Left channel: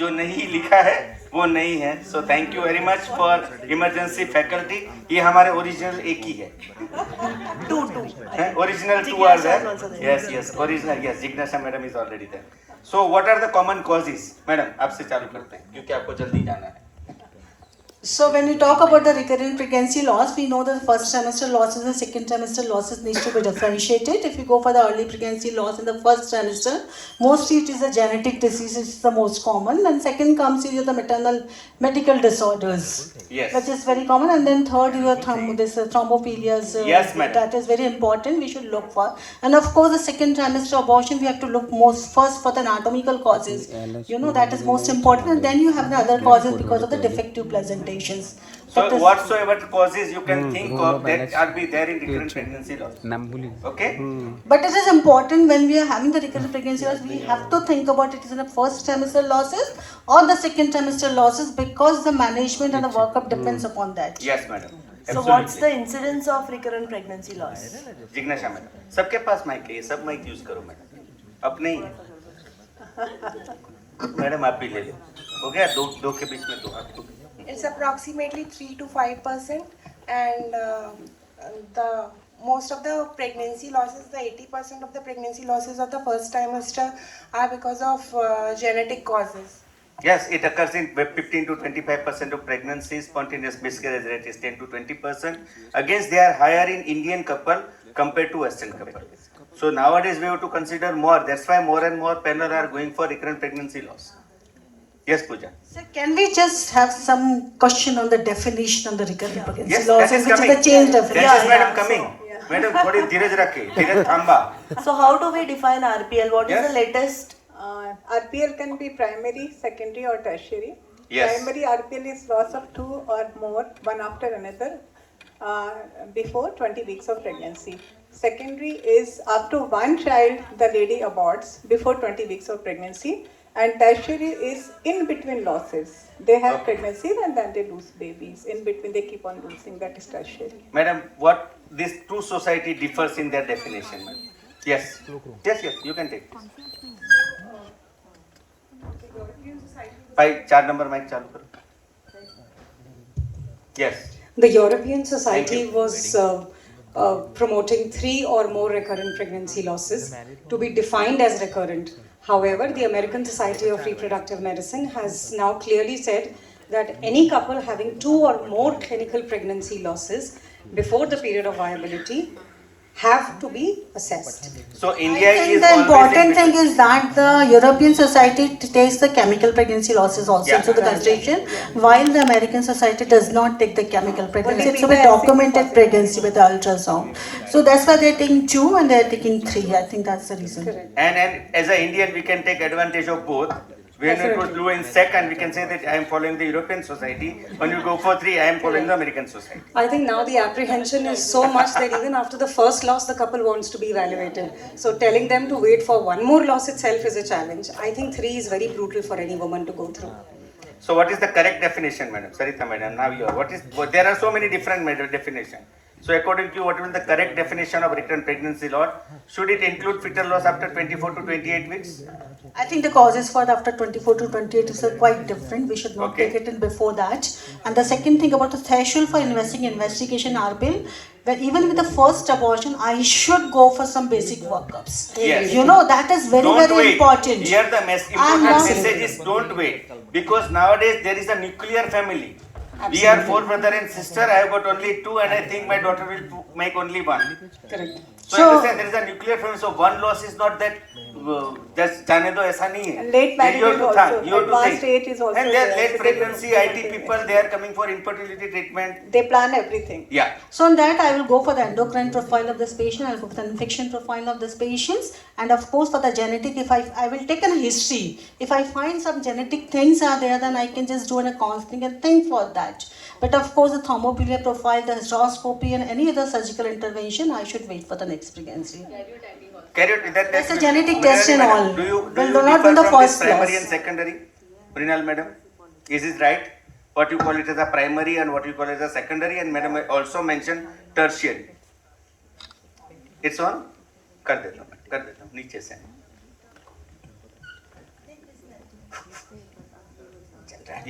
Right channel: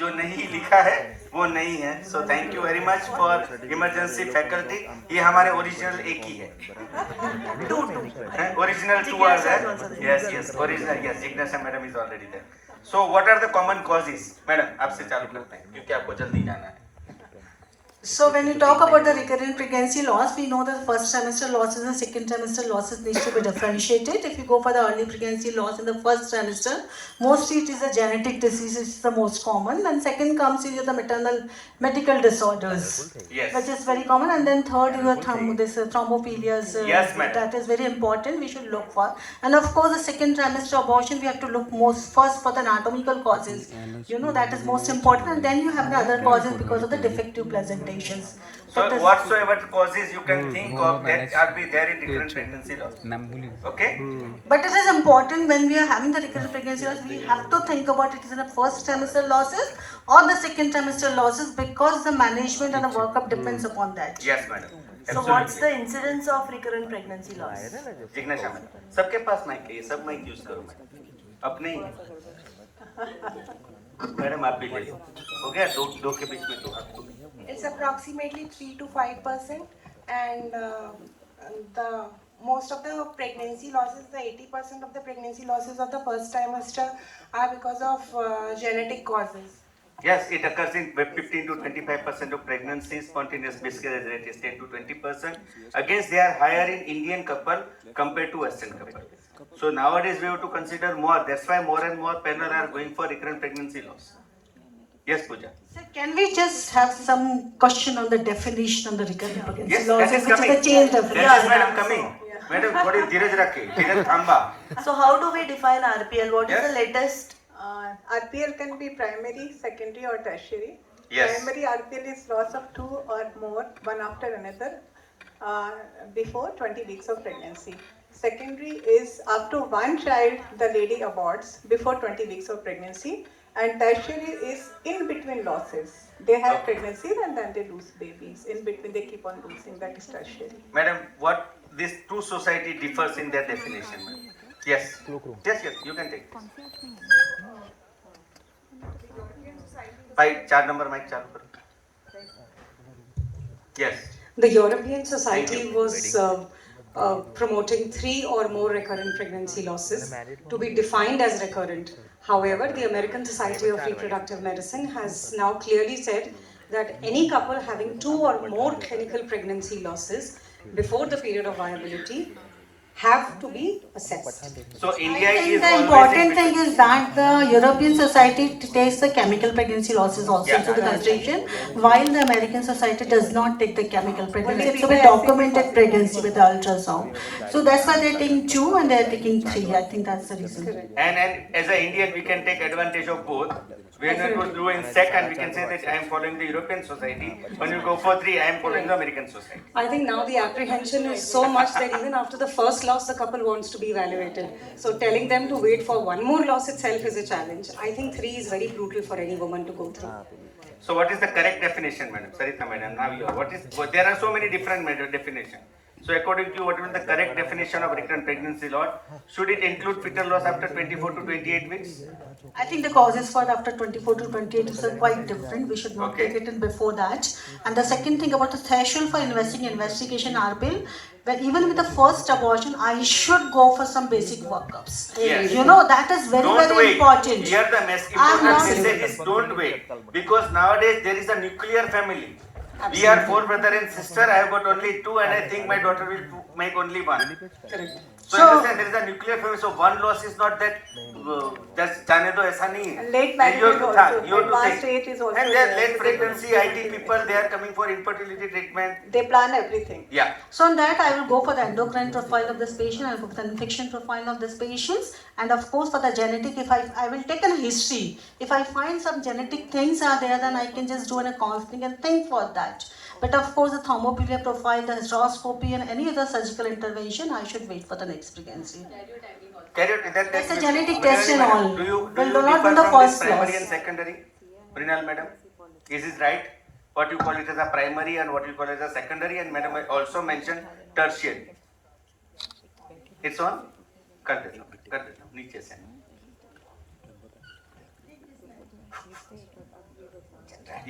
जो नहीं लिखा है वो नहीं है. So thank you very much for emergency faculty. ये हमारे ओरिजिनल एक ही है. Original two are there. Yes, original, yes. Jignasha madam is already there. So what are the common causes? Madam, आपसे चालू करते हैं क्योंकि आपको जल्दी जाना है. So when we talk about the recurrent pregnancy loss, we know that the first trimester losses and second trimester losses needs to be differentiated. If you go for the early pregnancy loss in the first trimester, mostly it is a genetic disease, which is the most common. And second comes here the maternal medical disorders, Yes. which is very common. And then third, you have thrombophilias. Yes, madam. That is very important. We should look for. And of course, the second trimester abortion, we have to look most first for the anatomical causes. You know, that is most important. And then you have the other causes because of the defective placentation. So whatsoever causes you can think of that are be there in recurrent pregnancy loss. Okay? But it is important when we are having the recurrent pregnancy loss, we have to think about it is in the first trimester losses or the second trimester losses because the management and the workup depends upon that. Yes, madam. So what's the incidence of recurrent pregnancy loss? Jignesha madam, सबके पास mic है, ये सब mic use करो madam. अब नहीं madam, आप भी ले लो. हो गया दो के बीच में दो. It's approximately 3 to 5%, and the most of the pregnancy losses, the 80% of the pregnancy losses of the first trimester are because of genetic causes. Yes, it occurs in 15 to 25% of pregnancies. Spontaneous miscarriage rate is 10 to 20%. Against they are higher in Indian couple compared to Western couple. So nowadays we have to consider more. That's why more and more panel are going for recurrent pregnancy loss. Yes, Pooja. So can we just have some question on the definition of the recurrent pregnancy Yes, loss, that is which coming. is the change definition? That is madam coming. Madam, थोड़ी धीरज रखे, धीरज थांबा. So how do we define RPL? What is Yes. the latest? RPL can be primary, secondary or tertiary. Yes. Primary RPL is loss of 2 or more, one after another, before 20 weeks of pregnancy. Secondary is up to one child the lady aborts before 20 weeks of pregnancy. And tertiary is in between losses. They have pregnancies and then they lose babies. In between they keep on losing. That is tertiary. Madam, what this two society differs in their definition? Madam? Yes. Yes, you can take this. भाई 4 number mic चालू करो. Yes. The European Society Thank you. was promoting 3 or more recurrent pregnancy losses to be defined as recurrent. However, the American Society of Reproductive Medicine has now clearly said that any couple having 2 or more clinical pregnancy losses before the period of viability have to be assessed. So India I think is the always important in thing is that the European Society takes the chemical pregnancy losses also Yeah. into the consideration, while the American Society does not take the chemical pregnancy. Only It's a we bit have documented seen pregnancy with the ultrasound. So that's why they're taking 2 and they're taking 3. I think that's the reason. and as an Indian we can take advantage of both. When it was blue in second, we can say that I am following the European Society. When you go for 3, I am following the American Society. I think now the apprehension is so much that even after the first loss, the couple wants to be evaluated. So telling them to wait for one more loss itself is a challenge. I think 3 is very brutal for any woman to go through. So what is the correct definition, madam? Sarita madam, now you are. There are so many different definitions. So according to you, what is the correct definition of recurrent pregnancy loss? Should it include fetal loss after 24 to 28 weeks? I think the causes for after 24 to 28 is quite different. We should not Okay. take it in before that. And the second thing about the threshold for investigation RPL, where even with the first abortion, I should go for some basic workups. Yes. You know, that is very, Don't very wait. important. Here the important not- message is don't wait. Because nowadays there is a nuclear family. We are 4 brother and sister. I have got only 2 and I think my daughter will make only 1. Correct. So, So- understand there is a nuclear family. So one loss is not that just जाने दो ऐसा नहीं है. Late marriage You have is to also, think, you have to advanced think. age is also And there. late pregnancy, IT people, they are coming for infertility treatment. They plan everything. Yeah. So on that, I will go for the endocrine profile of this patient, I will go for the infection profile of this patient, and of course for the genetic, if I will take a history. If I find some genetic things are there, then I can just do a counseling and think for that. But of course, the thermophilia profile, the hysteroscopy, and any other surgical intervention, I should wait for the next pregnancy. Carry out that That's test. a genetic Mrinal test and madam, all. Do you Will not differ on the from this first primary class. and secondary? Mrinal madam, is it right? What you call it as a primary and what you call it as a secondary, and madam I also mentioned tertiary. It's on? कर देता हूँ नीचे से.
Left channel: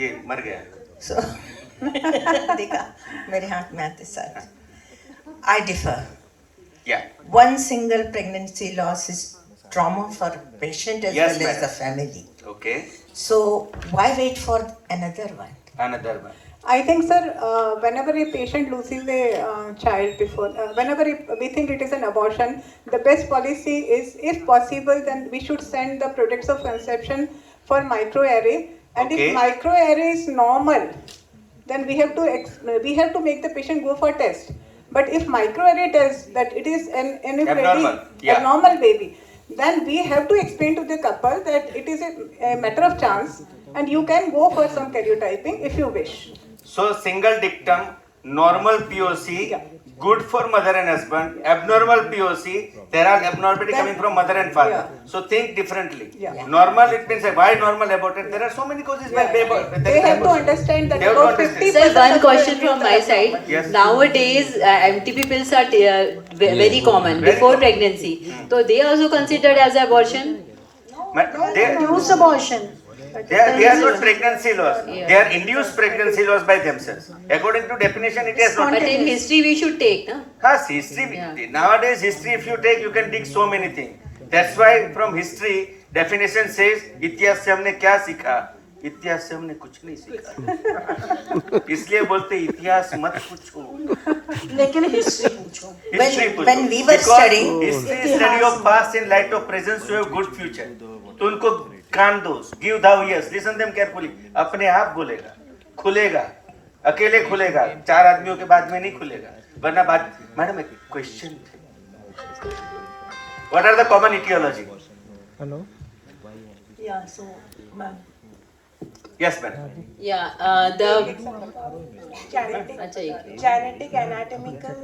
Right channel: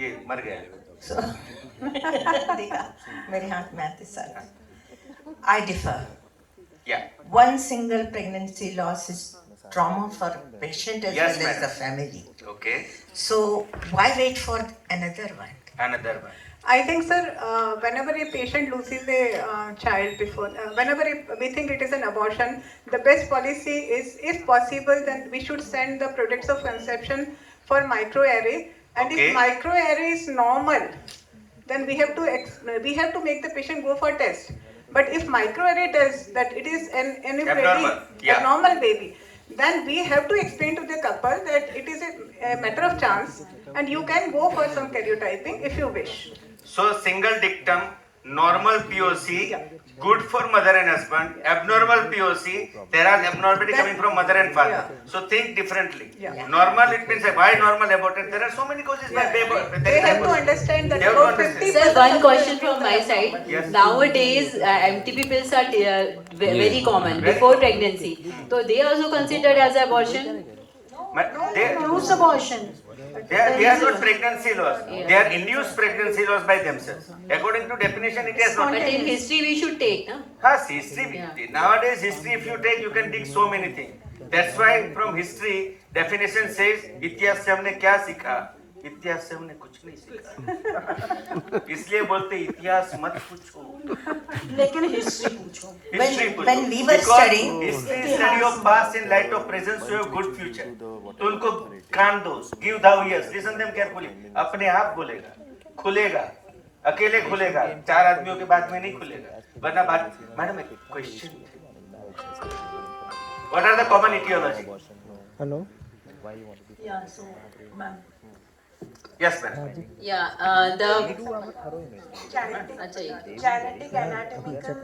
ये मर गया. So, देखा मेरे हाथ में आते सारे. I differ. Yeah. One single pregnancy loss is trauma for patient as Yes, well as madam. the family. Okay. So why wait for another one? Another one. I think, sir, whenever a patient loses a child before, whenever we think it is an abortion, the best policy is, if possible, then we should send the products of conception for microarray. And Okay. if microarray is normal, then we have to make the patient go for test. But if microarray does that it is an Abnormal, yeah. abnormal baby, then we have to explain to the couple that it is a matter of chance, and you can go for some karyotyping if you wish. So single dictum, normal POC, good for mother and husband. Abnormal POC, there are abnormality coming from mother and father. Yeah. So think differently. Yeah. Normal, it means why normal aborted? There are so many causes. Yeah. By They have to understand that They have to about understand. 50% Sir, one of question the from my side. Yes. Nowadays, MTP pills are very common before pregnancy. So they also considered as abortion. They Induced abortion. they are not pregnancy loss. Yeah. They are induced pregnancy loss by themselves. According to definition, it is not. But in history, we should take, no? Yes, history. Yeah. Nowadays, history, if you take, you can dig so many things. That's why from history, definition says, इतिहास से हमने क्या सीखा? इतिहास से हमने कुछ नहीं सीखा. इसलिए बोलते इतिहास मत पूछो. लेकिन हिस्ट्री पूछो. History पूछो. when we were Because studying- history is study of past in light of present to have good future. तो उनको कान दो. Give thou ears. Listen them carefully. अपने आप बोलेगा. खुलेगा. अकेले खुलेगा. 4 आदमियों के बाद में नहीं खुलेगा. वरना बात. मैडम एक question. What are the common etiology? Yeah, so, ma'am. Yes, madam. Yeah, Genetic, anatomical,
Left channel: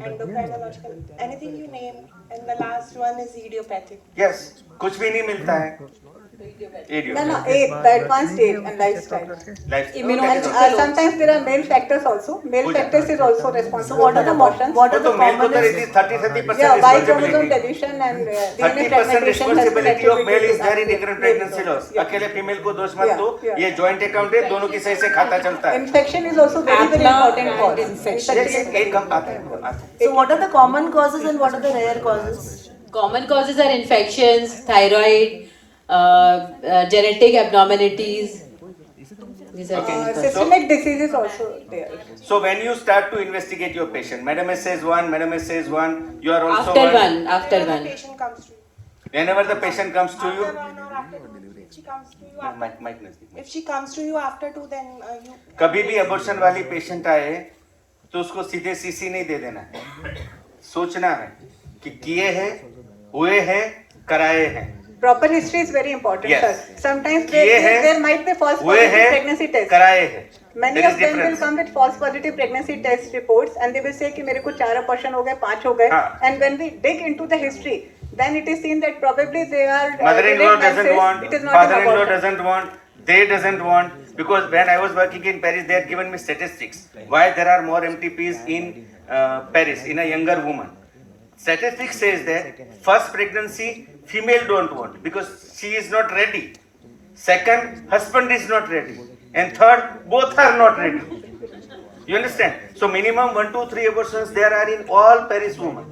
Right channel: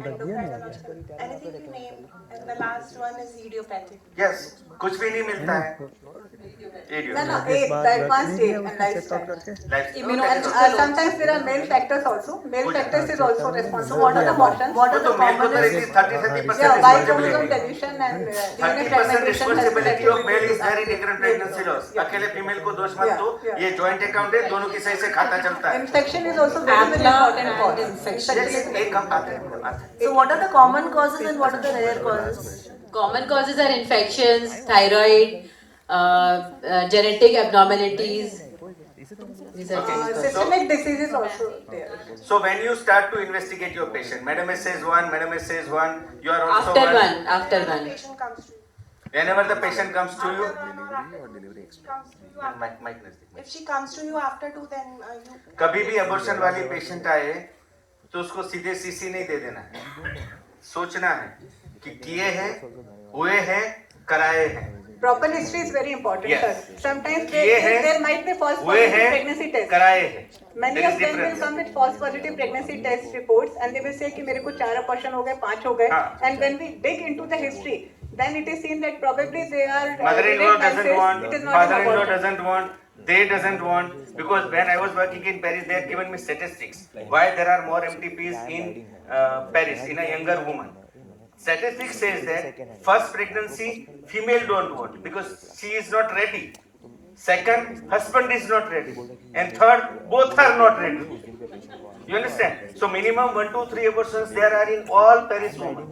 endocrinological, anything you name, and the last one is idiopathic. Yes. कुछ भी नहीं मिलता है. Idiot. No, the advanced age and lifestyle. Life. And sometimes there are male factors also. Male factors is also responsible What are for the abortions. what are तो the mail को तो commonest? it is 30% Yeah, Y chromosome responsibility. deletion and DNA 30% fragmentation has responsibility of male is there in attributed recurrent to pregnancy loss. Yeah. अकेले female को दोष मत Yeah, दो. yeah. ये joint account है, दोनों की सही से खाता चलता है. Infection is also very important cause. एक कम आता है. So what are the common causes and what are the rare causes? common causes are infections, thyroid, genetic abnormalities. These are common causes. Systemic disease is also there. So when you start to investigate your patient, Madam S says one, Madam S says one, you are also After one. one, after Whenever the one. patient comes to you, Whenever the patient comes to you, after 1 or after 2, if she comes to you after, mic नजदीक. if she comes to you after 2, then you. कभी भी abortion वाली patient आए तो उसको सीधे CC नहीं दे देना है. सोचना है कि किए हैं, हुए हैं, कराए हैं. Proper history is very important, Yes. sir. Sometimes किए हैं, there might be false हुए positive हैं, pregnancy tests. कराए हैं. Many There is of them will difference. come with false positive pregnancy test reports and they will say कि मेरे को 4 abortion हो गए, 5 हो गए. हाँ. And when we dig into the history, then it is seen that probably they are Mother-in-law delayed doesn't menses. want, It is not an father-in-law abortion. doesn't want, they doesn't want, because when I was working in Paris, they had given me statistics why there are more MTPs in Paris in a younger woman. Statistics says that first pregnancy female don't want because she is not ready. Second, husband is not ready, and third, both are not ready. You understand? So minimum 1, 2, 3 abortions there are in all Paris women.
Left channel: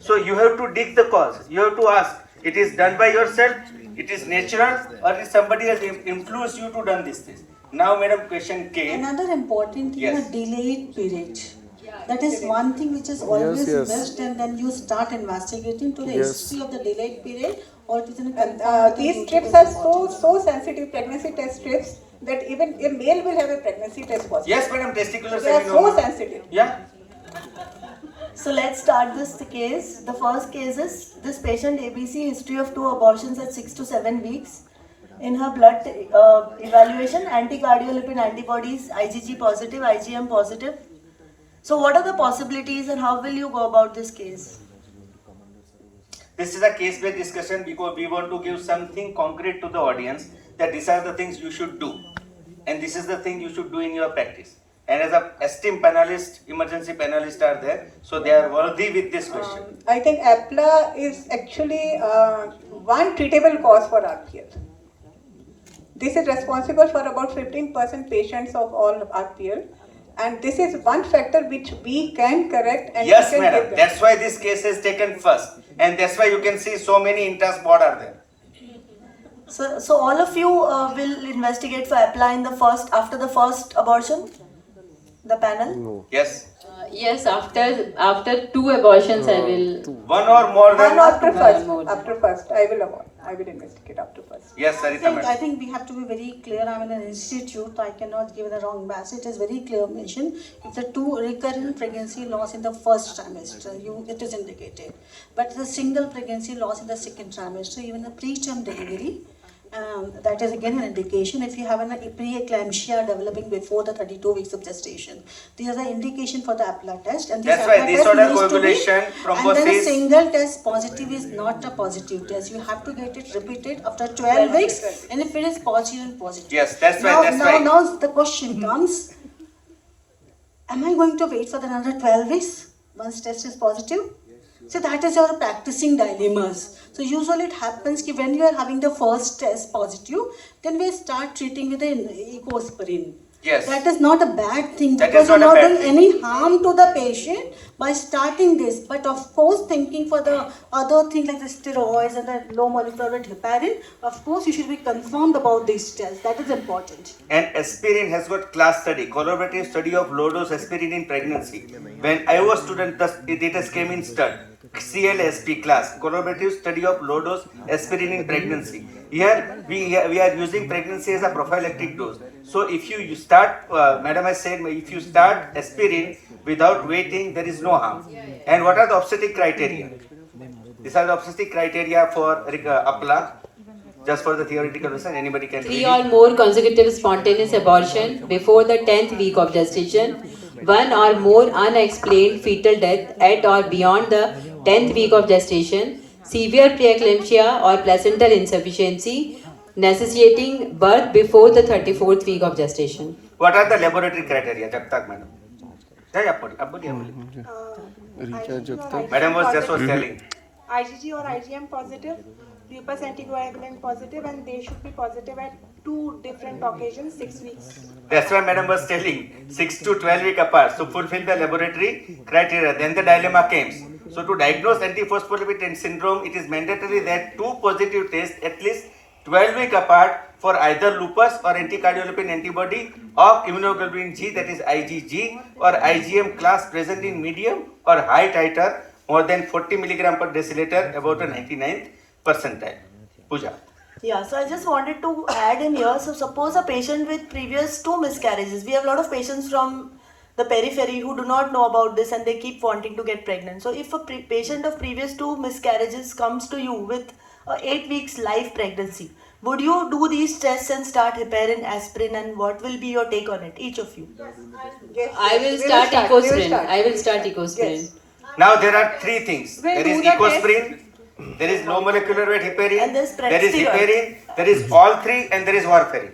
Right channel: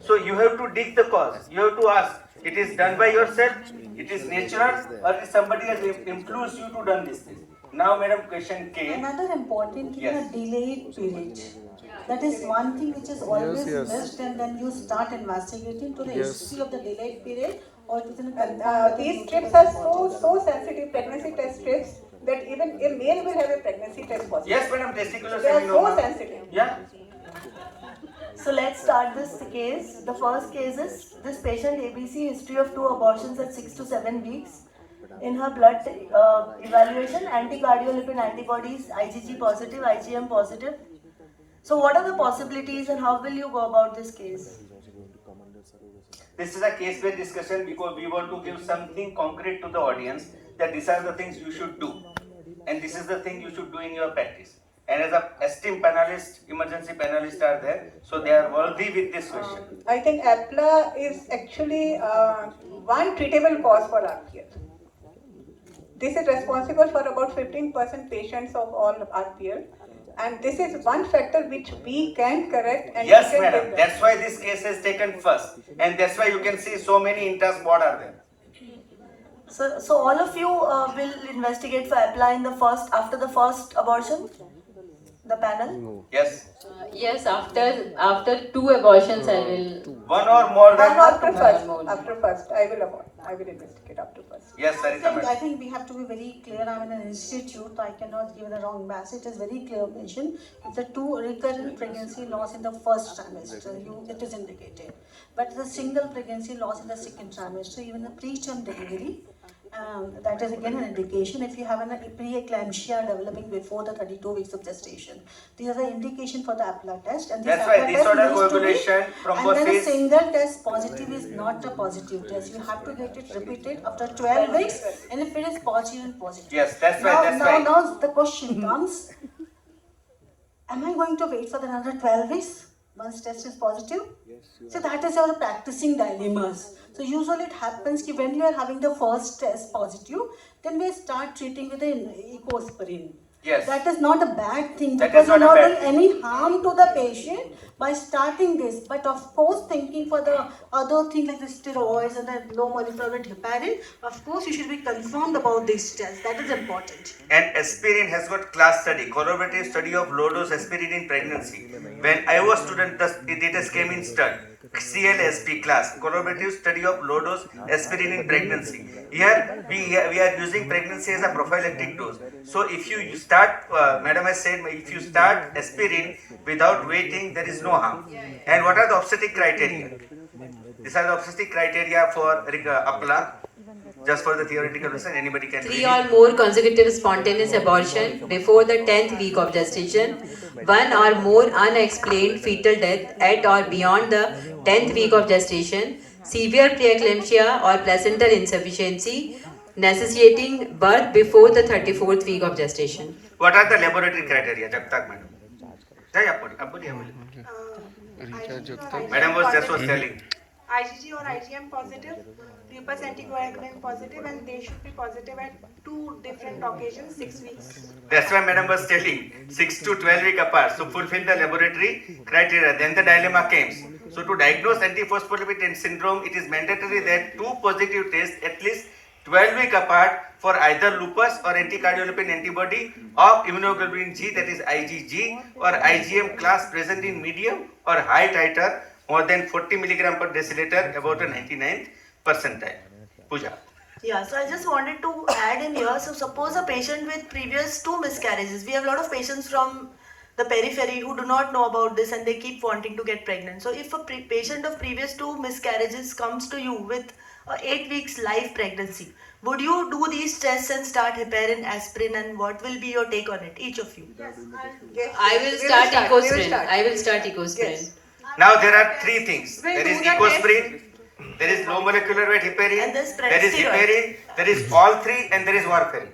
So you have to dig the cause. You have to ask, it is done by yourself, it is natural, or is somebody has influenced you to done this thing? Now, madam, question K. Another important thing, Yes. a delayed period. That is one thing which is always missed, and then you start investigating to the history of the delayed period, or it is in These strips are so sensitive, pregnancy test strips, that even a male will have a pregnancy test positive. Yes, madam, testicular They are so seminoma. sensitive. Yeah. So let's start this case. The first case is this patient ABC, history of 2 abortions at 6 to 7 weeks. In her blood evaluation, anti-cardiolipid antibodies, IgG positive, IgM positive. So what are the possibilities and how will you go about this case? This is a case-based discussion because we want to give something concrete to the audience that these are the things you should do. And this is the thing you should do in your practice. And as a esteemed panelist, emergency panelists are there, so they are worthy with this question. I think APLA is actually one treatable cause for RPL. This is responsible for about 15% patients of all RPL. And this is one factor which we can correct and Yes, we can madam. give them. That's why this case is taken first. And that's why you can see so many intra-spot are there. So all of you will investigate for apply in the first, after the first abortion? The panel? Yes. Yes, after 2 abortions, I will. One or more than One after One first, more. after first, I will investigate up to first. Yes, I Sarita think, madam. we have to be very clear. I'm in an institute. I cannot give the wrong message. It is very clear mention. If the 2 recurrent pregnancy loss in the first trimester, it is indicated. But the single pregnancy loss in the second trimester, even the preterm delivery, that is again an indication. If you have a preeclampsia developing before the 32 weeks of gestation, these are the indication for the APLA test. And this That's why APLA this test order needs to be- ovulation, And then a thrombosis. single test positive is not a positive test. You have to get it repeated after 12 weeks, and if it is positive, positive. Yes, that's why, Now the question comes: am I going to wait for another 12 weeks once test is positive? So that is our practicing dilemmas. So usually it happens that when you are having the first test positive, then we start treating with the ecosprin. Yes. That is not a bad thing, That because is you're not a not bad doing thing. any harm to the patient by starting this. But of course, thinking for the other thing like the steroids and the low molecular weight heparin, of course you should be confirmed about this test. That is important. And aspirin has got class study, collaborative study of low dose aspirin in pregnancy. When I was student, the data came in stud. CLSP class, collaborative study of low dose aspirin in pregnancy. Here we are using pregnancy as a prophylactic dose. So if you start, madam has said, if you start aspirin without waiting, there is no harm. And what are the obstetric criteria? These are the obstetric criteria for APLA. Just for the theoretical reason, anybody can 3 read or it. more consecutive spontaneous abortion before the 10th week of gestation, 1 or more unexplained fetal death at or beyond the 10th week of gestation, severe preeclampsia or placental insufficiency necessitating birth before the 34th week of gestation. What are the laboratory criteria, Jagtak madam? Madam was just telling. IgG or IgM positive, lupus anticoagulant positive, and they should be positive at 2 different occasions, 6 weeks. That's why madam was telling 6 to 12 week apart. So fulfill the laboratory criteria. Then the dilemma came. So to diagnose antiphospholipid syndrome, it is mandatory that 2 positive tests at least 12 week apart for either lupus or anticardiolipin antibody of immunoglobulin G, that is IgG, or IgM class present in medium or high titer more than 40 milligram per deciliter, about a 99th percentile. Pooja. Yeah, so I just wanted to add in here. So suppose a patient with previous 2 miscarriages. We have a lot of patients from the periphery who do not know about this and they keep wanting to get pregnant. So if a patient of previous 2 miscarriages comes to you with 8 weeks live pregnancy, would you do these tests and start heparin, aspirin, and what will be your take on it, each of you? Yes, I will we start we will ecosprin. start. I will start ecosprin. Yes. Now there are 3 things. We'll There do is the test. ecosprin, there is low molecular weight heparin, And there's there is predsteroid. heparin, there is all 3, and there is warfarin.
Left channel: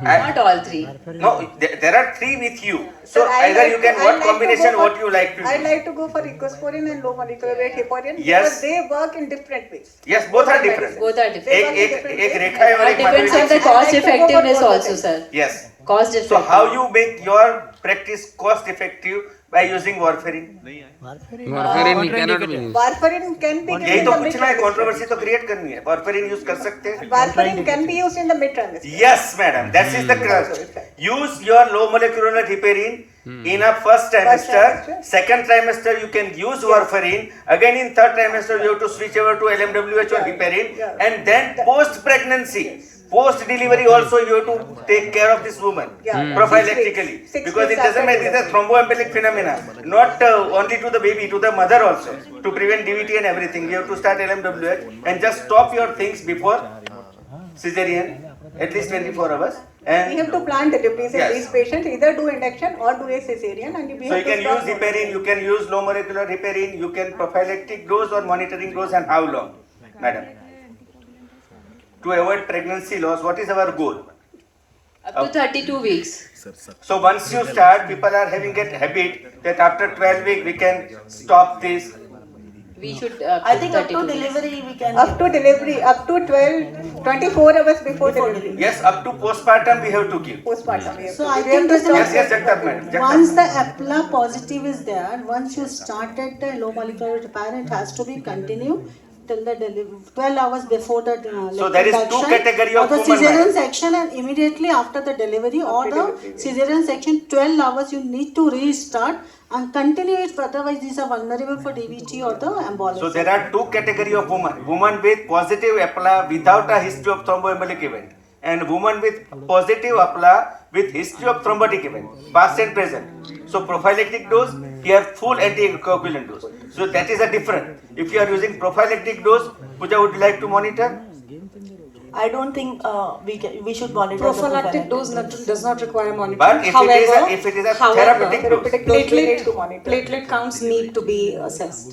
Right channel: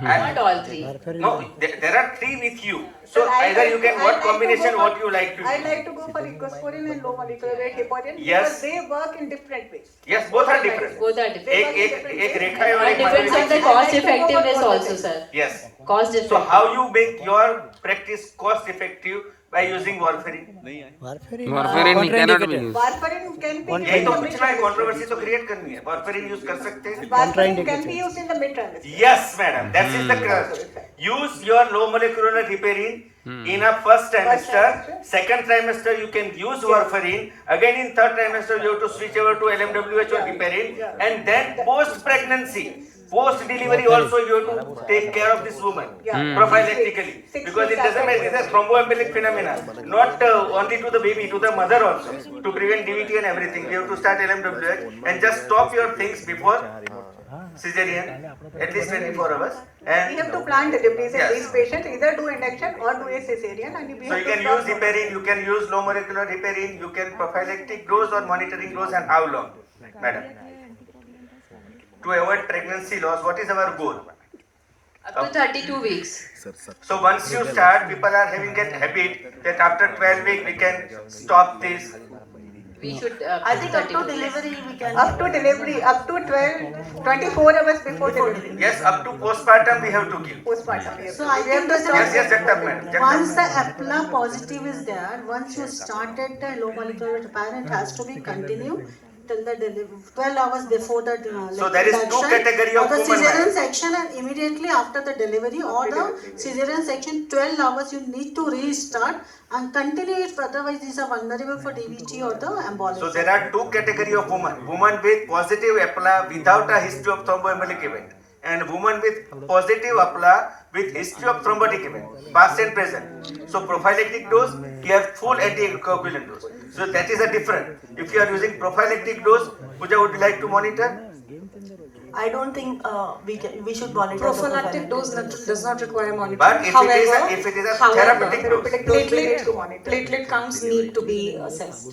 Not all 3. No, there are 3 with you. So Sir, I either like you can, to- I what like to combination, go for- what you like to I do. like to go for ecosprin and low molecular weight heparin Yes. because they work in different ways. Yes, both are different. Both are different. एक रेखा है और It एक depends on the Madhuri. cost effectiveness also, sir. Yes. Cost So effective. how you make your practice cost effective by using warfarin? Warfarin cannot be used. Warfarin can be यही given तो in the पूछना है, mid-trimester. Controversy तो create करनी है. warfarin use कर सकते हैं? Warfarin can be used in the mid-trimester. Yes, madam. That is the crux. Use your low molecular heparin in a first trimester. trimester. Second trimester you can use warfarin. Again in third trimester you have to switch over to LMWH or heparin. Yeah. And then post pregnancy, post delivery also you have to take care of this woman Yeah. prophylactically, 6 because it weeks doesn't after matter. It is a thromboembolic phenomena, not only to the baby, to the mother also, to prevent DVT and everything. We have to start LMWH and just stop your things before cesarean at least 24 hours. And We have to plan deliveries in Yes. these patients, either do induction or do a cesarean, and we so you have to can use stop- heparin, you can use low molecular heparin, you can prophylactic dose or monitoring dose, and how long, madam? To avoid pregnancy loss, what is our goal? Up to 32 weeks. So once you start, people are having a habit that after 12 weeks we can stop this. We should I think up 30 to days. delivery we can. Up to delivery, up to 12, 24 hours before delivery. Yes, up to postpartum we have to give. Postpartum. we have So to I give. We have think to that Yes, yes, Jagtap madam. Jagtap once the madam. APLA positive is there, once you started the low molecular repair, it has to be continued till the delivery, 12 hours before the So there is two induction, category or of the women, cesarean ma'am. section, and immediately after the delivery or the cesarean section, 12 hours you need to restart and continue it, otherwise these are vulnerable for DVT or the embolism. So there are two category of women. Women with positive APLA without a history of thromboembolic event, and women with positive APLA with history of thrombotic event, past and present. So prophylactic dose, here full anticoagulant dose. So that is a different. If you are using prophylactic dose, Pooja, would you like to monitor? I don't think we should monitor. the Prophylactic dose does not require monitoring. But if it is a therapeutic dose, platelet counts need to be assessed.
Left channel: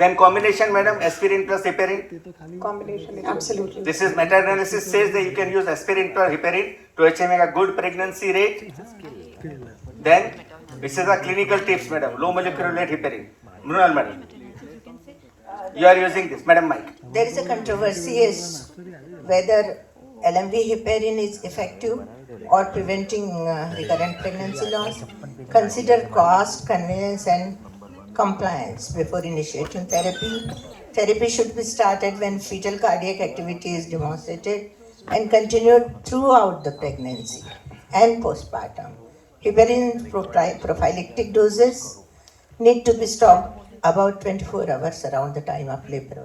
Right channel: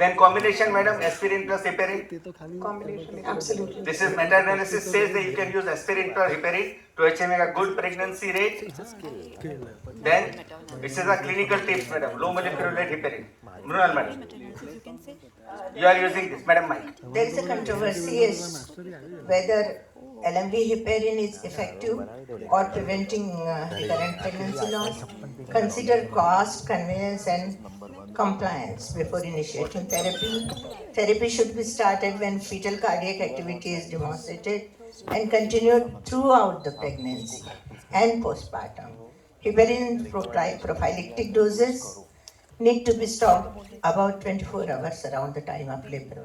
then combination, madam, aspirin plus heparin. Combination. Absolutely. This is meta-analysis says that you can use aspirin plus heparin to achieve a good pregnancy rate. Then this is a clinical tips, madam. Low molecular weight heparin. Mrunal, madam. You are using this, madam Mike. There is a controversy is whether LMV heparin is effective or preventing recurrent pregnancy loss. Consider cost, convenience and compliance before initiating therapy. Therapy should be started when fetal cardiac activity is demonstrated and continued throughout the pregnancy and postpartum. Heparin prophylactic doses need to be stopped about 24 hours around the time of labor.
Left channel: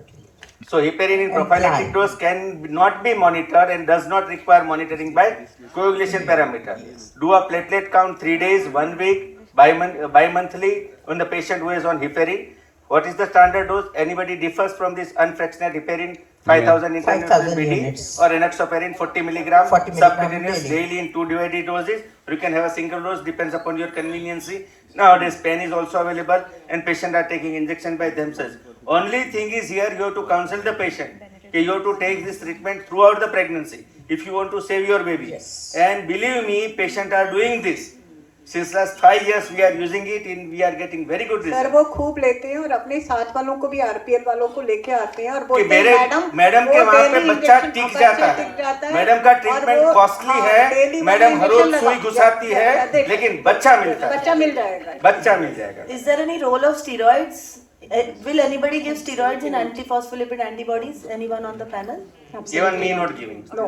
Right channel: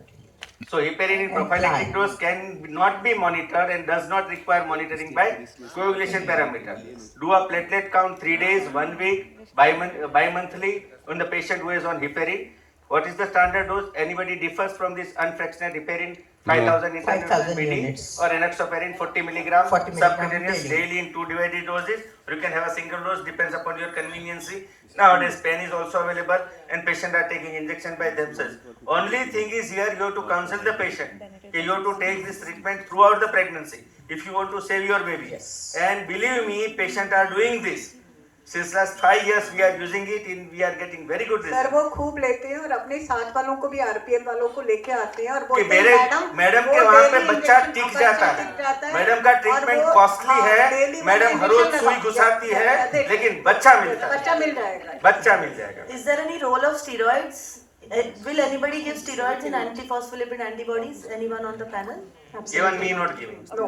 So heparin in And prophylactic plan. dose can not be monitored and does not require monitoring by coagulation parameter. Do a platelet count 3 days, 1 week, bi-monthly on the patient who is on heparin. What is the standard dose? Anybody differs from this unfractionated heparin 5000 5,000 BD units. or enoxaparin 40 milligram 40 milligram subcutaneous daily. daily in 2 divided doses. You can have a single dose, depends upon your convenience. Nowadays pen is also available and patients are taking injection by themselves. Only thing is here you have to counsel the patient. You have to take this treatment throughout the pregnancy if you want to save your baby. Yes. And believe me, patients are doing this. Since last 5 years we are using it and we are getting very good sir results. वो खूब लेते हैं और अपने साथ वालों को भी RPL वालों को लेके आते हैं और कि बोलते हैं मेरे मैडम के वो वहाँ पे daily बच्चा injection- टिक जाता है, मैडम का और ट्रीटमेंट वो, कॉस्टली हाँ, है, daily मैडम हर injection रोज सुई लगा- घुसाती या- है, या देख- लेकिन बच्चा मिलता है, बच्चा मिल जाएगा. बच्चा मिल जाएगा. Is there any role of steroids? Will anybody give steroids in antiphospholipid antibodies? Anyone on the panel? Even me not giving. No.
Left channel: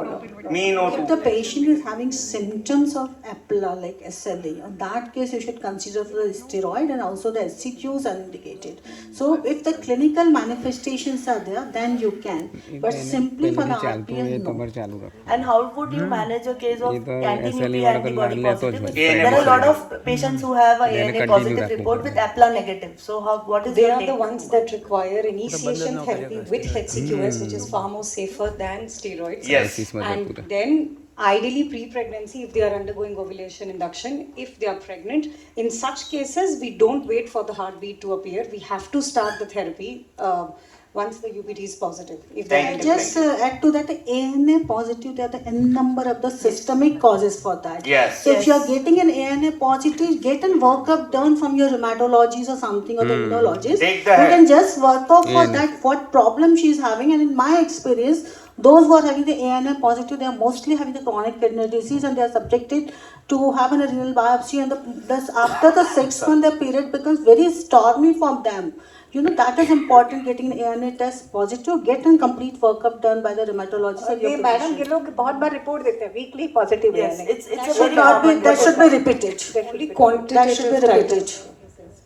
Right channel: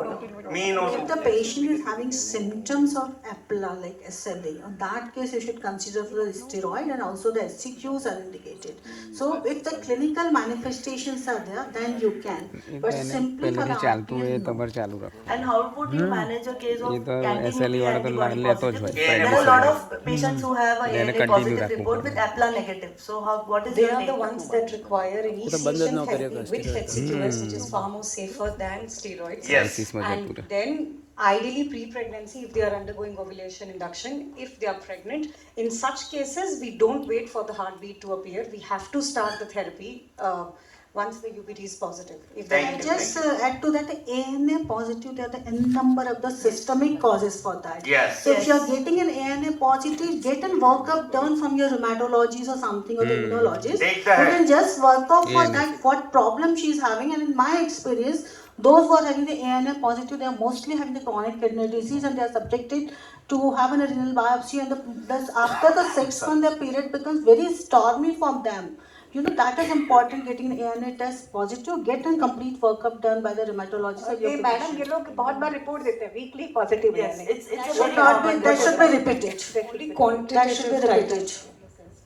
Me no. If the patient is having symptoms of APLA like SLE, in that case you should consider the steroid, and also the SCQs are indicated. So if the clinical manifestations are there, then you can. But simply for the ચાલતું હોય RPL, તમારે ચાલુ રાખો. And how would you manage a case of એ તો anti-nuclear SLE વાળો તો antibody લેતો જ હોય, positive? There are a lot prednisone. of patients who have a એને ANA continue positive રાખવું report પડે. with APLA negative. So what is They your are take? the ones that require initiation therapy with HCQS, which is far more safer than steroids. Yes. આઈસીસમાં જતું And રહે. then ideally pre-pregnancy, if they are undergoing ovulation induction, if they are pregnant, in such cases we don't wait for the heartbeat to appear. We have to start the therapy once the UPT is positive. If they are Thank I you. just add to that, the ANA positive, there are the n number of the systemic causes for that. Yes. So if you are getting an ANA positive, get a workup done from your rheumatologist or something, or the immunologist. Take the You help. can just work out for ANA. that what problem she is having, and in my experience, those who are having the ANA positive, they are mostly having the chronic kidney disease, and they are subjected to have a renal biopsy, and after the 6 month period becomes very stormy for them. You know, that is important, getting an ANA test positive, get a complete workup done by the rheumatologist. and your ये madam physician. ये लोग बहुत बार report देते हैं weekly positive Yes, है. it's a Should very not be, common that should be repeated. be That should be quantitative repeated.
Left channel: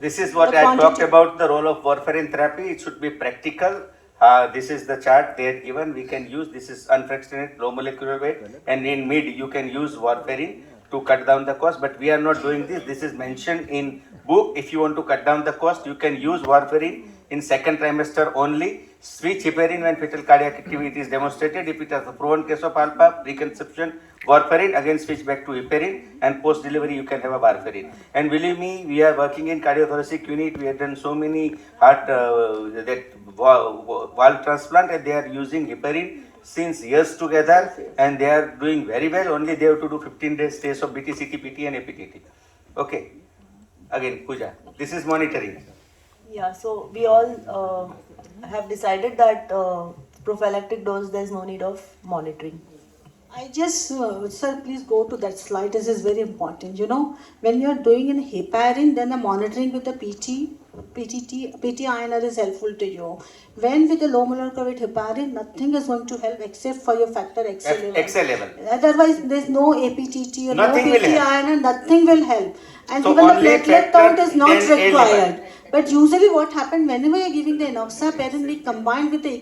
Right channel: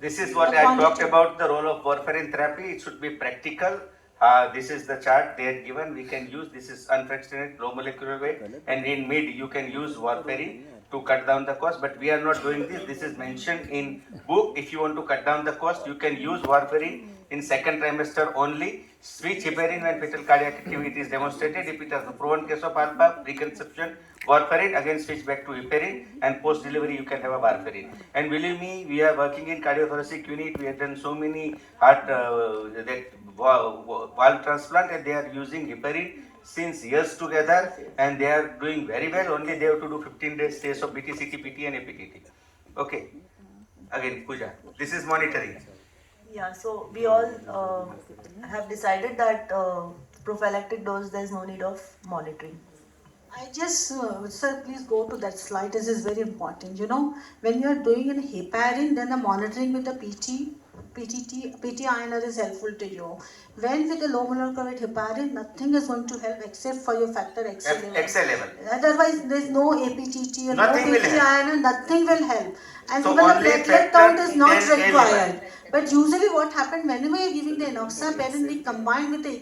This is what The I quantity. talked about, the role of warfarin therapy. It should be practical. This is the chart they are given. We can use, this is unfractionated low molecular weight, and in mid you can use warfarin to cut down the cost, but we are not doing this. This is mentioned in book. If you want to cut down the cost, you can use warfarin in second trimester only. Switch heparin when fetal cardiac activity is demonstrated. If it has a proven case of alpha, preconception, warfarin, again switch back to heparin, and post delivery you can have a warfarin. And believe me, we are working in cardiothoracic unit. We have done so many heart valve transplant, and they are using heparin since years together, and they are doing very well. Only they have to do 15 days stays of BT, CT, PT and APTT. Okay. Again, Pooja, this is monitoring. Yeah, so we all have decided that prophylactic dose, there's no need of monitoring. I just, sir, please go to that slide. This is very important. You know, when you are doing in heparin, then the monitoring with the PT INR is helpful to you. When with the low molecular weight heparin, nothing is going to help except for your factor XL level. XL level. Otherwise, there is no APTT or Nothing no will PT help. INR, nothing will help. And So even the only platelet factor, count is not then A level. required. But usually what happens whenever you're giving the enoxaparin, we combine with the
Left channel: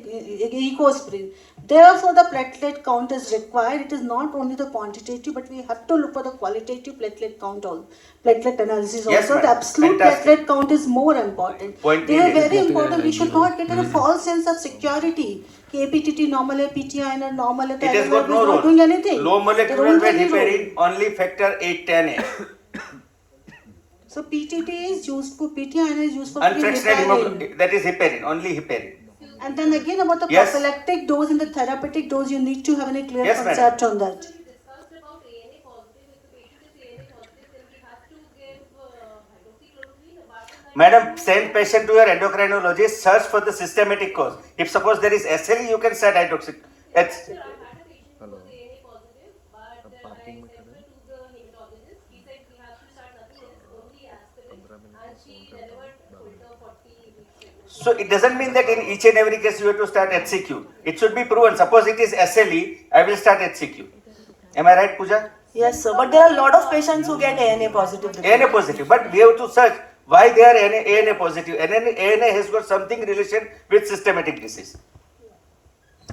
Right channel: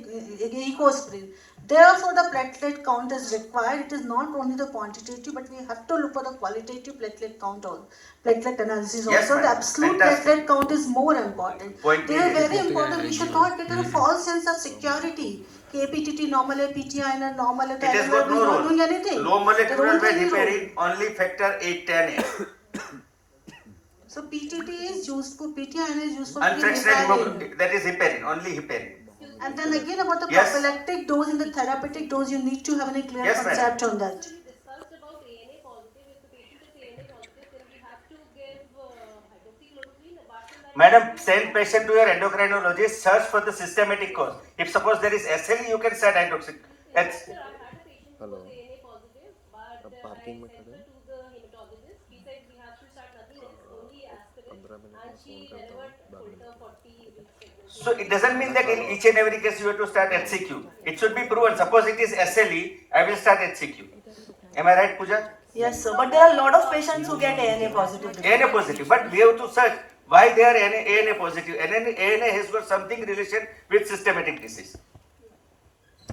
ecosprin. Therefore, the platelet count is required. It is not only the quantitative, but we have to look for the qualitative platelet count also, platelet analysis Yes, also. The madam. absolute Fantastic. platelet count is more important. Point They are needed. very important. We should not get a false sense of security. APTT normal है, PTI normal है, It has got LLF no is role. not doing anything. Low They molecular don't weight have any heparin, role. only factor 810A. So PTT is used for PTI is used for Unfractionated heparin. hemoglobin, that is heparin, only heparin. And then again about the Yes. prophylactic dose and the therapeutic dose, you need to have a clear Yes, madam. concept on that. Madam, send patient to your endocrinologist, search for the systematic cause. If suppose there is SLE, you can start hydroxy. It's, so it doesn't mean that in each and every case you have to start HCQ. It should be proven. Suppose it is SLE, I will start HCQ. Am I right, Pooja? Yes, sir. But there are a lot of patients who get ANA positive. ANA positive, but we have to search why they are ANA positive. ANA has got something relation with systematic disease.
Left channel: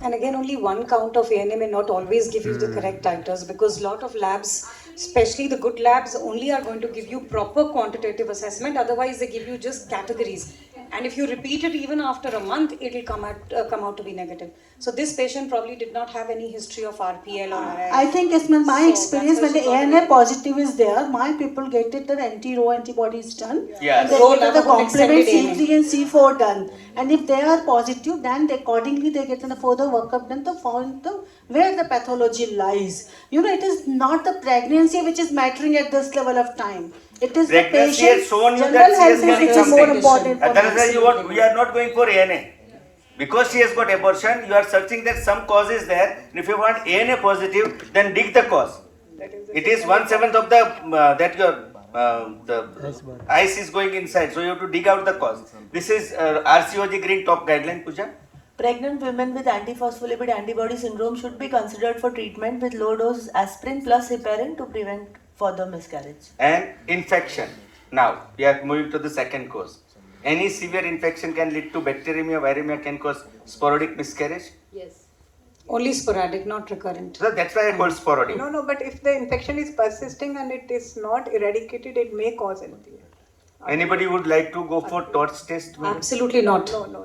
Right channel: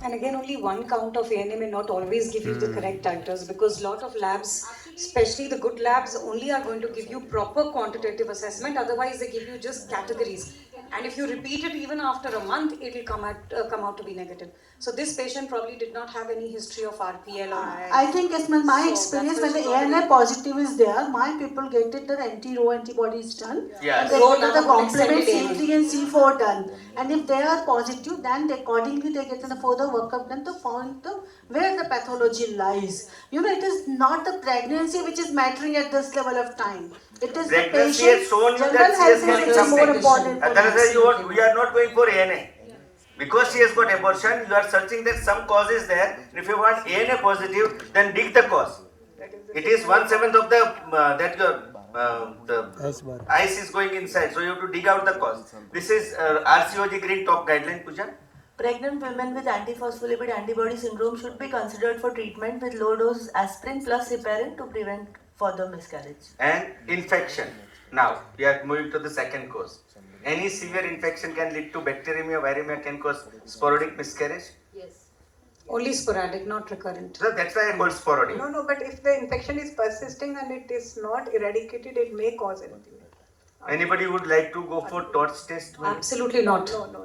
And again, only one count of ANA may not always give you the correct titers, because lot of labs, especially the good labs, only are going to give you proper quantitative assessment. Otherwise, they give you just categories. And if you repeat it even after a month, it will come out to be negative. So this patient probably did not have any history of RPL or RI. I think it's my So experience when that's the why she ANA got positive is there, my people get it the anti-Rho antibodies done. Yes. And they Rho get the level complement extended C3 and C4 done. And if they are positive, then they accordingly they get the further workup done to find the where the pathology lies. You know, it is not the pregnancy which is mattering at this level of time. It is the Pregnancy has patient's shown you general that she has health carried which is more something. important. for Otherwise, us. we are not going for ANA. Because she has got abortion, you are searching that some cause is there. If you want ANA positive, then dig the cause. It is 1/7 of the that your the ice is going inside, so you have to dig out the cause. This is RCOG Green Top Guideline, Pooja. Pregnant women with antiphospholipid antibody syndrome should be considered for treatment with low dose aspirin plus heparin to prevent further miscarriage. And infection. Now we are moving to the second cause. Any severe infection can lead to bacteremia, viremia, can cause sporadic miscarriage. Only sporadic, not recurrent. So that's why I call sporadic. No, but if the infection is persisting and it is not eradicated, it may cause anything. Anybody would like to go for torch test? Absolutely not. No.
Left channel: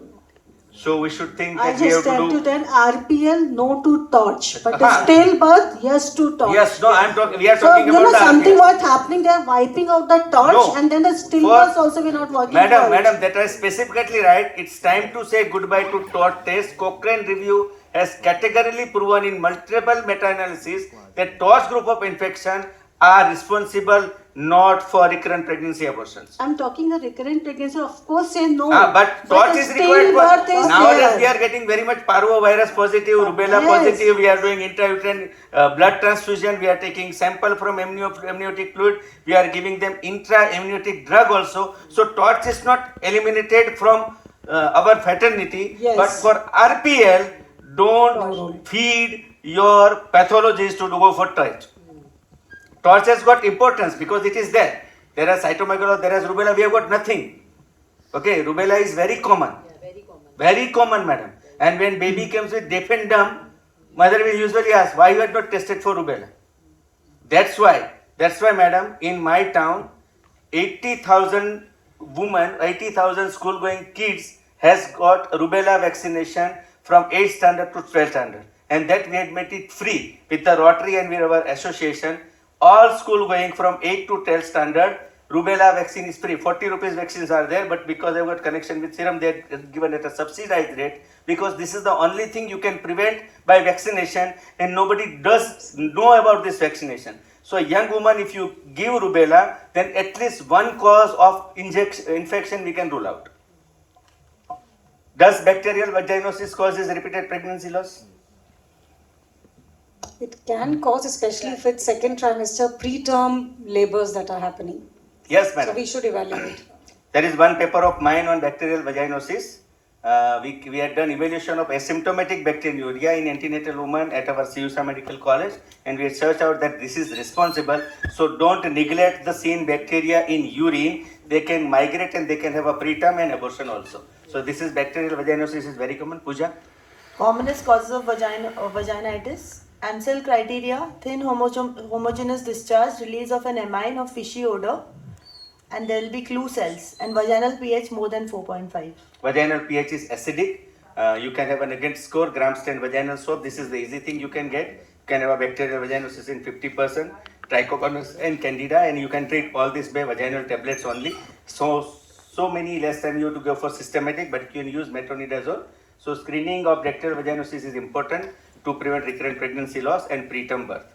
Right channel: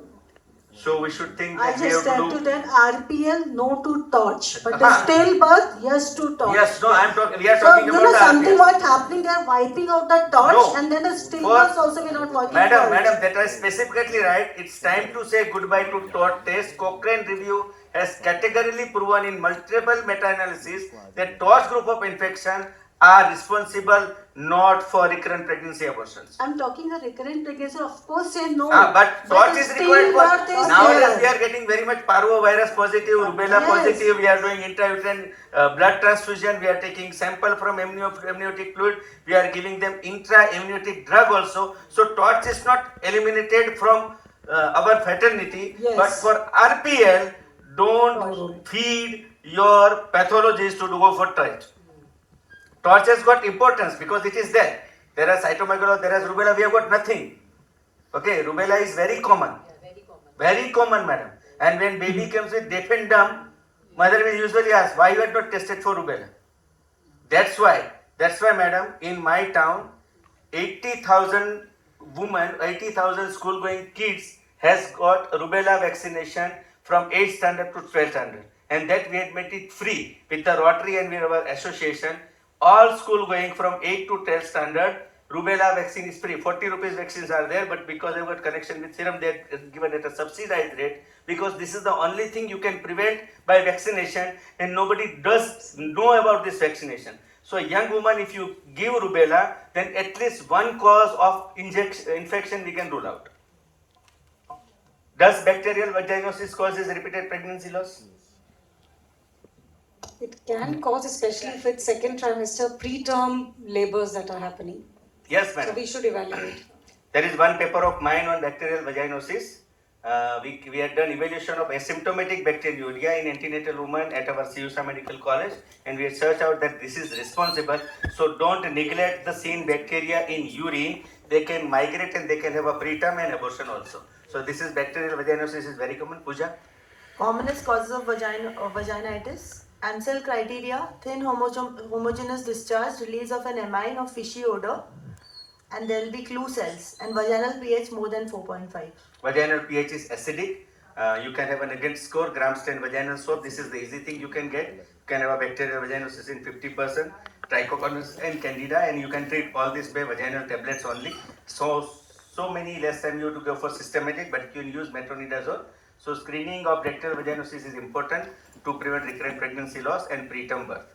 So we should think I that we have just to tell do. to that RPL no to torch, but the stillbirth yes to torch. Yes, no, I'm talking. We are So talking you know about the something RPL. what happening? They are wiping out the torch No. and then the stillbirth also we are not working. Madam, for it. madam, that was specifically right. It's time to say goodbye to torch test. Cochrane review has categorically proven in multiple meta-analysis that torch group of infection are responsible not for recurrent pregnancy abortions. I'm talking a recurrent pregnancy. Of course, say no. But torch the is required stillbirth for is nowadays. there. We are getting very much parvovirus positive, rubella Yes. positive. We are doing intrauterine blood transfusion. We are taking sample from amniotic fluid. We are giving them intra-amniotic drug also. So torch is not eliminated from our fraternity. Yes. But for RPL, don't feed your pathologists to go for torch. Torch has got importance because it is there. There are cytomegalo, there is rubella, we have got nothing. Okay, rubella is very common. Very common, madam. And when baby comes with deaf and dumb, mother will usually ask, why you are not tested for rubella? That's why, madam, in my town, 80,000 women, 80,000 school-going kids has got rubella vaccination from 8th standard to 12th standard. And that we had made it free with the Rotary and with our association. All school going from 8th to 12th standard, rubella vaccine is free. 40 rupees vaccines are there, but because I've got connection with Serum, they are given at a subsidized rate, because this is the only thing you can prevent by vaccination, and nobody does know about this vaccination. So a young woman, if you give rubella, then at least one cause of infection we can rule out. Does bacterial vaginosis causes repeated pregnancy loss? It can cause, especially if it's second trimester, preterm labors that are happening. Yes, So madam. we should evaluate. There is one paper of mine on bacterial vaginosis. We had done evaluation of asymptomatic bacteriuria in antenatal women at our CUSA Medical College, and we had searched out that this is responsible. So don't neglect the seen bacteria in urine. They can migrate and they can have a preterm and abortion also. So this is bacterial vaginosis is very common. Pooja? Commonest causes of vaginitis. Ansel criteria: thin homogeneous discharge, release of an amine or fishy odor, and there will be clue cells, and vaginal pH more than 4.5. Vaginal pH is acidic. You can have a negative score, gram-stain vaginal swab. This is the easy thing you can get. You can have a bacterial vaginosis in 50%, trichomonas and candida, and you can treat all this by vaginal tablets only. So many less than you to go for systematic, but you can use metronidazole. So screening of bacterial vaginosis is important to prevent recurrent pregnancy loss and preterm birth.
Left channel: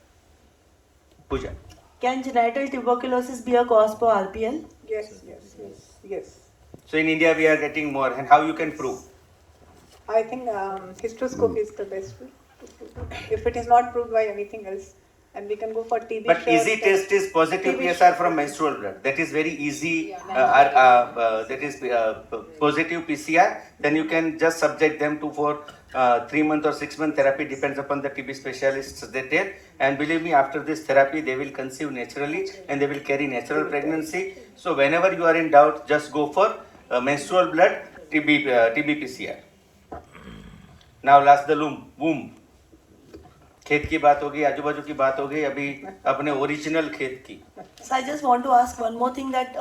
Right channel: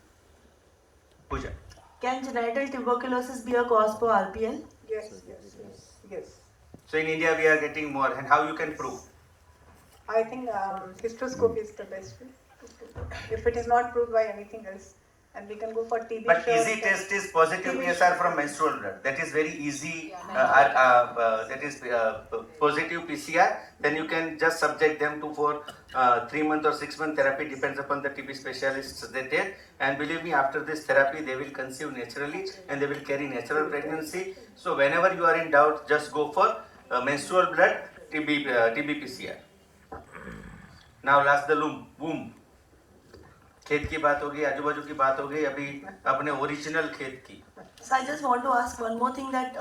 Pooja. Can genital tuberculosis be a cause for RPL? Yes. So in India we are getting more, and how you can prove? I think hysteroscopy is the best way. If it is not proved by anything else, and we can go for TB. But easy test is positive PSR from menstrual blood. That is very easy. That is positive PCR. Then you can just subject them to for 3-month or 6-month therapy, depends upon the TB specialists they take. And believe me, after this therapy, they will conceive naturally and they will carry natural pregnancy. So whenever you are in doubt, just go for menstrual blood TB PCR. Now last the womb. खेत की बात होगी, आजू बाजू की बात होगी, अभी अपने ओरिजिनल खेत की. So I just want to ask one more thing, that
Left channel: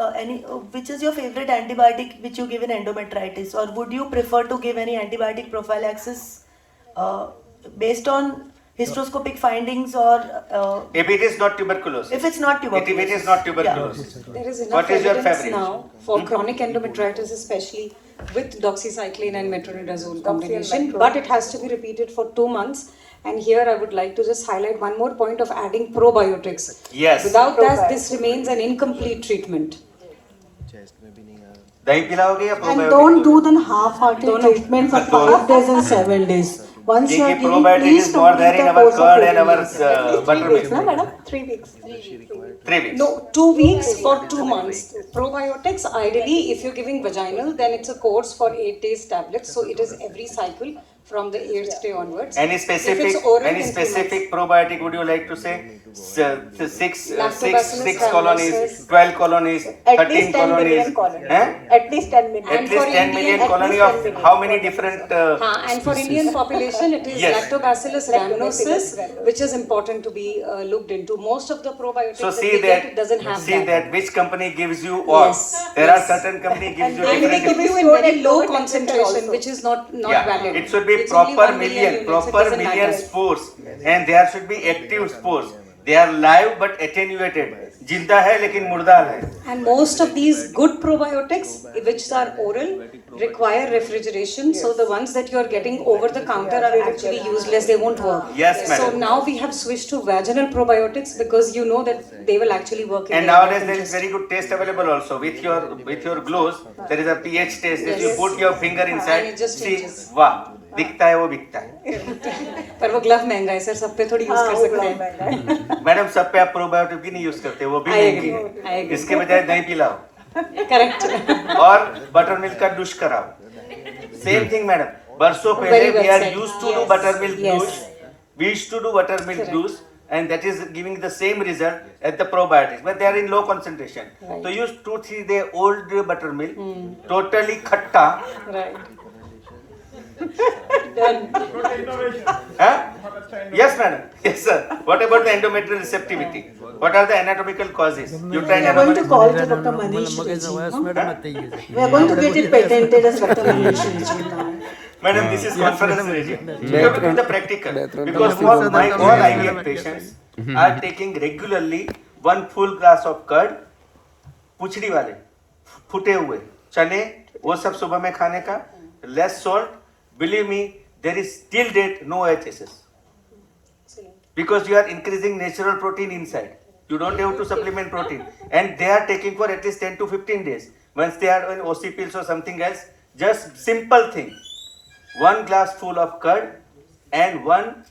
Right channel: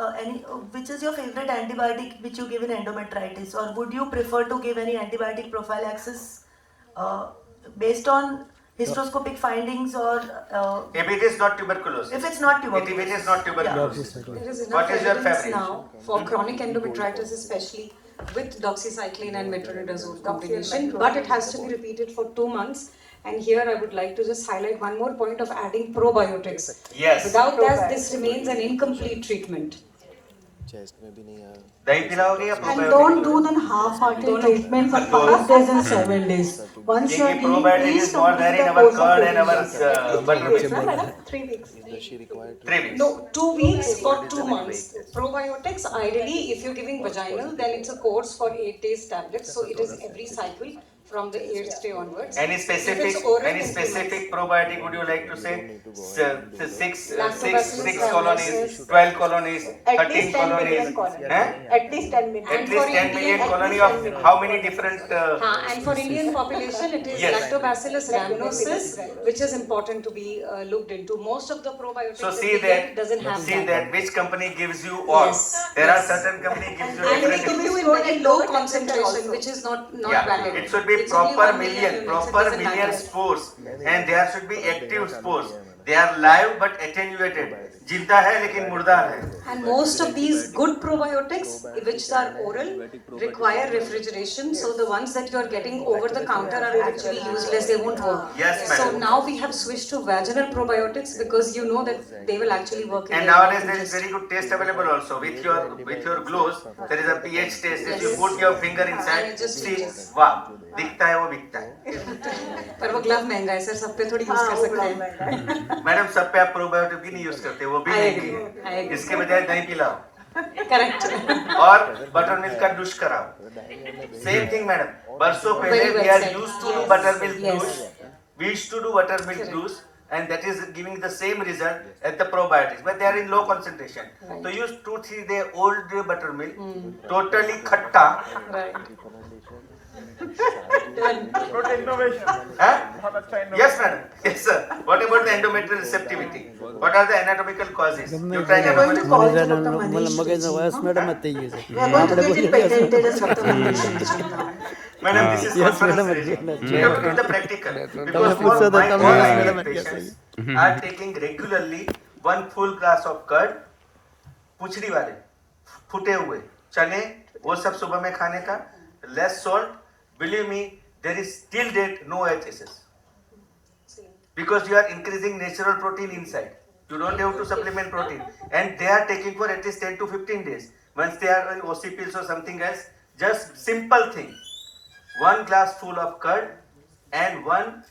which is your favorite antibiotic which you give in endometritis, or would you prefer to give any antibiotic prophylaxis based on hysteroscopic findings, or if it is not tuberculosis? If it's not tuberculosis. If it is not tuberculosis. There is enough What is your evidence favorite? now for chronic endometritis, especially with doxycycline and metronidazole combination, but it has to be repeated for 2 months. And here I would like to just highlight one more point of adding probiotics. Yes. Without that, this remains an incomplete treatment. दही पिलाओगे या And probiotic? don't do the half-hearted treatment for 5 days and 7 days. Once you are देखिए giving, probiotic please is more there in complete the our course of curd and our treatment. buttermilk. 3 weeks. 3 weeks. No, 2 weeks for 2 months. Probiotics, ideally, if you're giving vaginal, then it's a course for 8 days tablets. So it is every cycle from the 8th day onwards. Any If it's oral, then 2 specific months. probiotic would you like to say? 6 Lactobacillus colonies, rhamnosus. 12 colonies, At 13 least 10 million colonies. colonies. At least 10 million. At And least for 10 million Indian- colony at of least 10 million. how many different And for Indian population, it is Yes. Lactobacillus rhamnosus, which is important to be looked into. Most of the probiotics so that see we that get doesn't have that which company gives you all. Yes, There yes. are certain company gives you And they different. give you in very low concentration, which is not Yeah, valid. it should be It's only proper 1 million million, units, it proper doesn't million matter. spores, and there should be active spores. They are live but attenuated. जिंदा है लेकिन मुर्दार है. And most of these good probiotics, which are oral, require refrigeration. So the ones that you are getting over the counter are actually useless. They won't work. Yes, So madam. now we have switched to vaginal probiotics because you know that they will actually work. in And the nowadays there is intestine. very good test available also with your gloves. There is a pH test. If you Yes. put your finger And inside, it just see, changes. वाह, दिखता है वो बिकता है. पर वो glove महंगा है सर, सब पे थोड़ी यूज कर सकते हैं. मैडम सब पे आप प्रोबायोटिक भी नहीं यूज करते, वो भी I महंगी agree, I है. agree. इसके बजाय दही पिलाओ Correct. और बटर मिल्क का डुश कराओ. Same thing madam. बरसों पहले Very well we are said. used to do Yes. buttermilk Yes. juice. We used to do buttermilk Correct. juice, and that is giving the same result as the probiotics, but they are in low concentration. Right. So use 2-3 day old buttermilk, totally khatta. Right. Huh? Yes, madam. Yes, sir. What about the endometrial receptivity? What are the anatomical causes? You try We are going to endometrial. call to Dr. Manish. We are going to get it patented as Dr. Manish. Madam, this is conference area. We have to do the practical. Because all my IVF patients are taking regularly 1 full glass of curd, पुछड़ी वाले, फुटे हुए, चने, वो सब सुबह में खाने का, less salt. Believe me, there is till date no HSS. Because you are increasing natural protein inside. You don't have to supplement protein. And they are taking for at least 10 to 15 days. Once they are on OC pills or something else, just simple thing. 1 glass full of curd and 1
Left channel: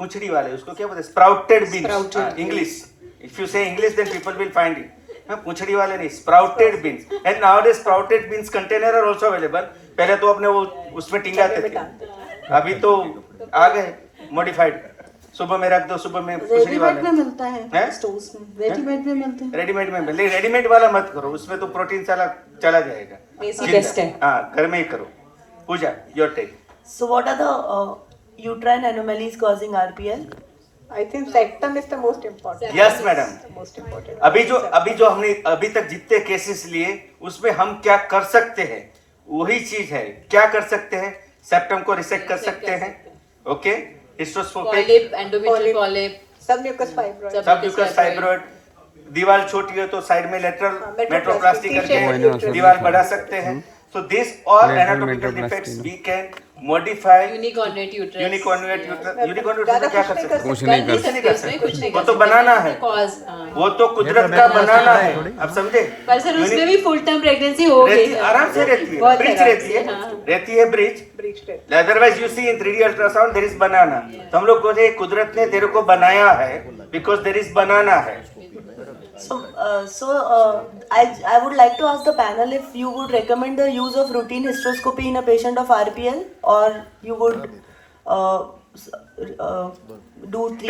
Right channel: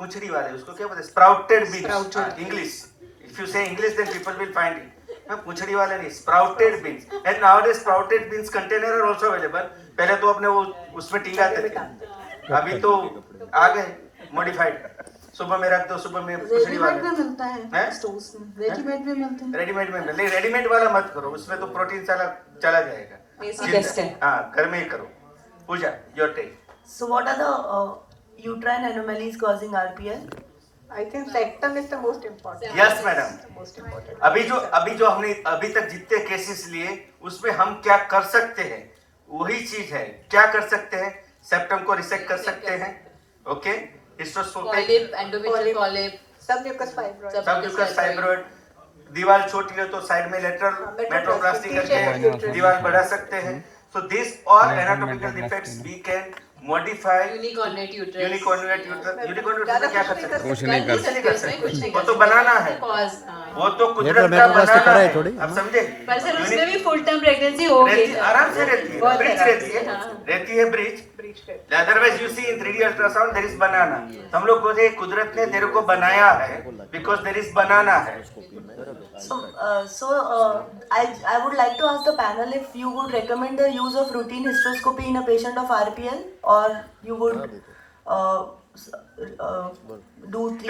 puchdi wale, usko kya bolte hain? Sprouted beans. English. If you say English, then people will find it. पुछड़ी वाले नहीं, sprouted beans. And nowadays sprouted beans container are also available. पहले तो अपने वो उसमें टिंगाते थे, अभी तो आ गए modified. सुबह में रख दो, सुबह में पुछड़ी वाले रेडीमेड में मिलता है स्टोर्स में, रेडीमेड में मिलते हैं। रेडीमेड में मिल, रेडीमेड वाला मत करो, उसमें तो प्रोटीन चला जाएगा। बेस्ट है। हाँ, घर में ही करो। पूजा, your take. So what are the uterine anomalies causing RPL? I think septum is the most important. Yes, madam. Most important. अभी जो हमने अभी तक जितने केसेस लिए, उसमें हम क्या कर सकते हैं, वही चीज है। क्या कर सकते हैं? सेप्टम को रिसेक्ट कर सकते हैं, okay, hysteroscopic, Polyp, endometrial polyp, Submucous fibroid. Submucous fibroid, दीवार छोटी है तो साइड में लेटरल मेट्रोप्लास्टी T-shaped करके दीवार बढ़ा सकते हैं। So this all anatomical defects we can modify. unicondylar uterus. unicondylar क्या कर सकते हैं? कुछ नहीं कर कुछ नहीं वो तो बनाना है, Cause, वो तो कुदरत का बनाना है, आप समझे? पर सर उसमें भी फुल टर्म प्रेगनेंसी होगी, आराम से रहती है, बहुत ब्रिज आराम रहती से, है, हाँ। रहती है bridge. Otherwise you see in 3D ultrasound there is banana. तो हम लोग को ये कुदरत ने तेरे को बनाया है, because there is banana है। I would like to ask the panel if you would recommend the use of routine hysteroscopy in a patient of RPL, or you would do 3D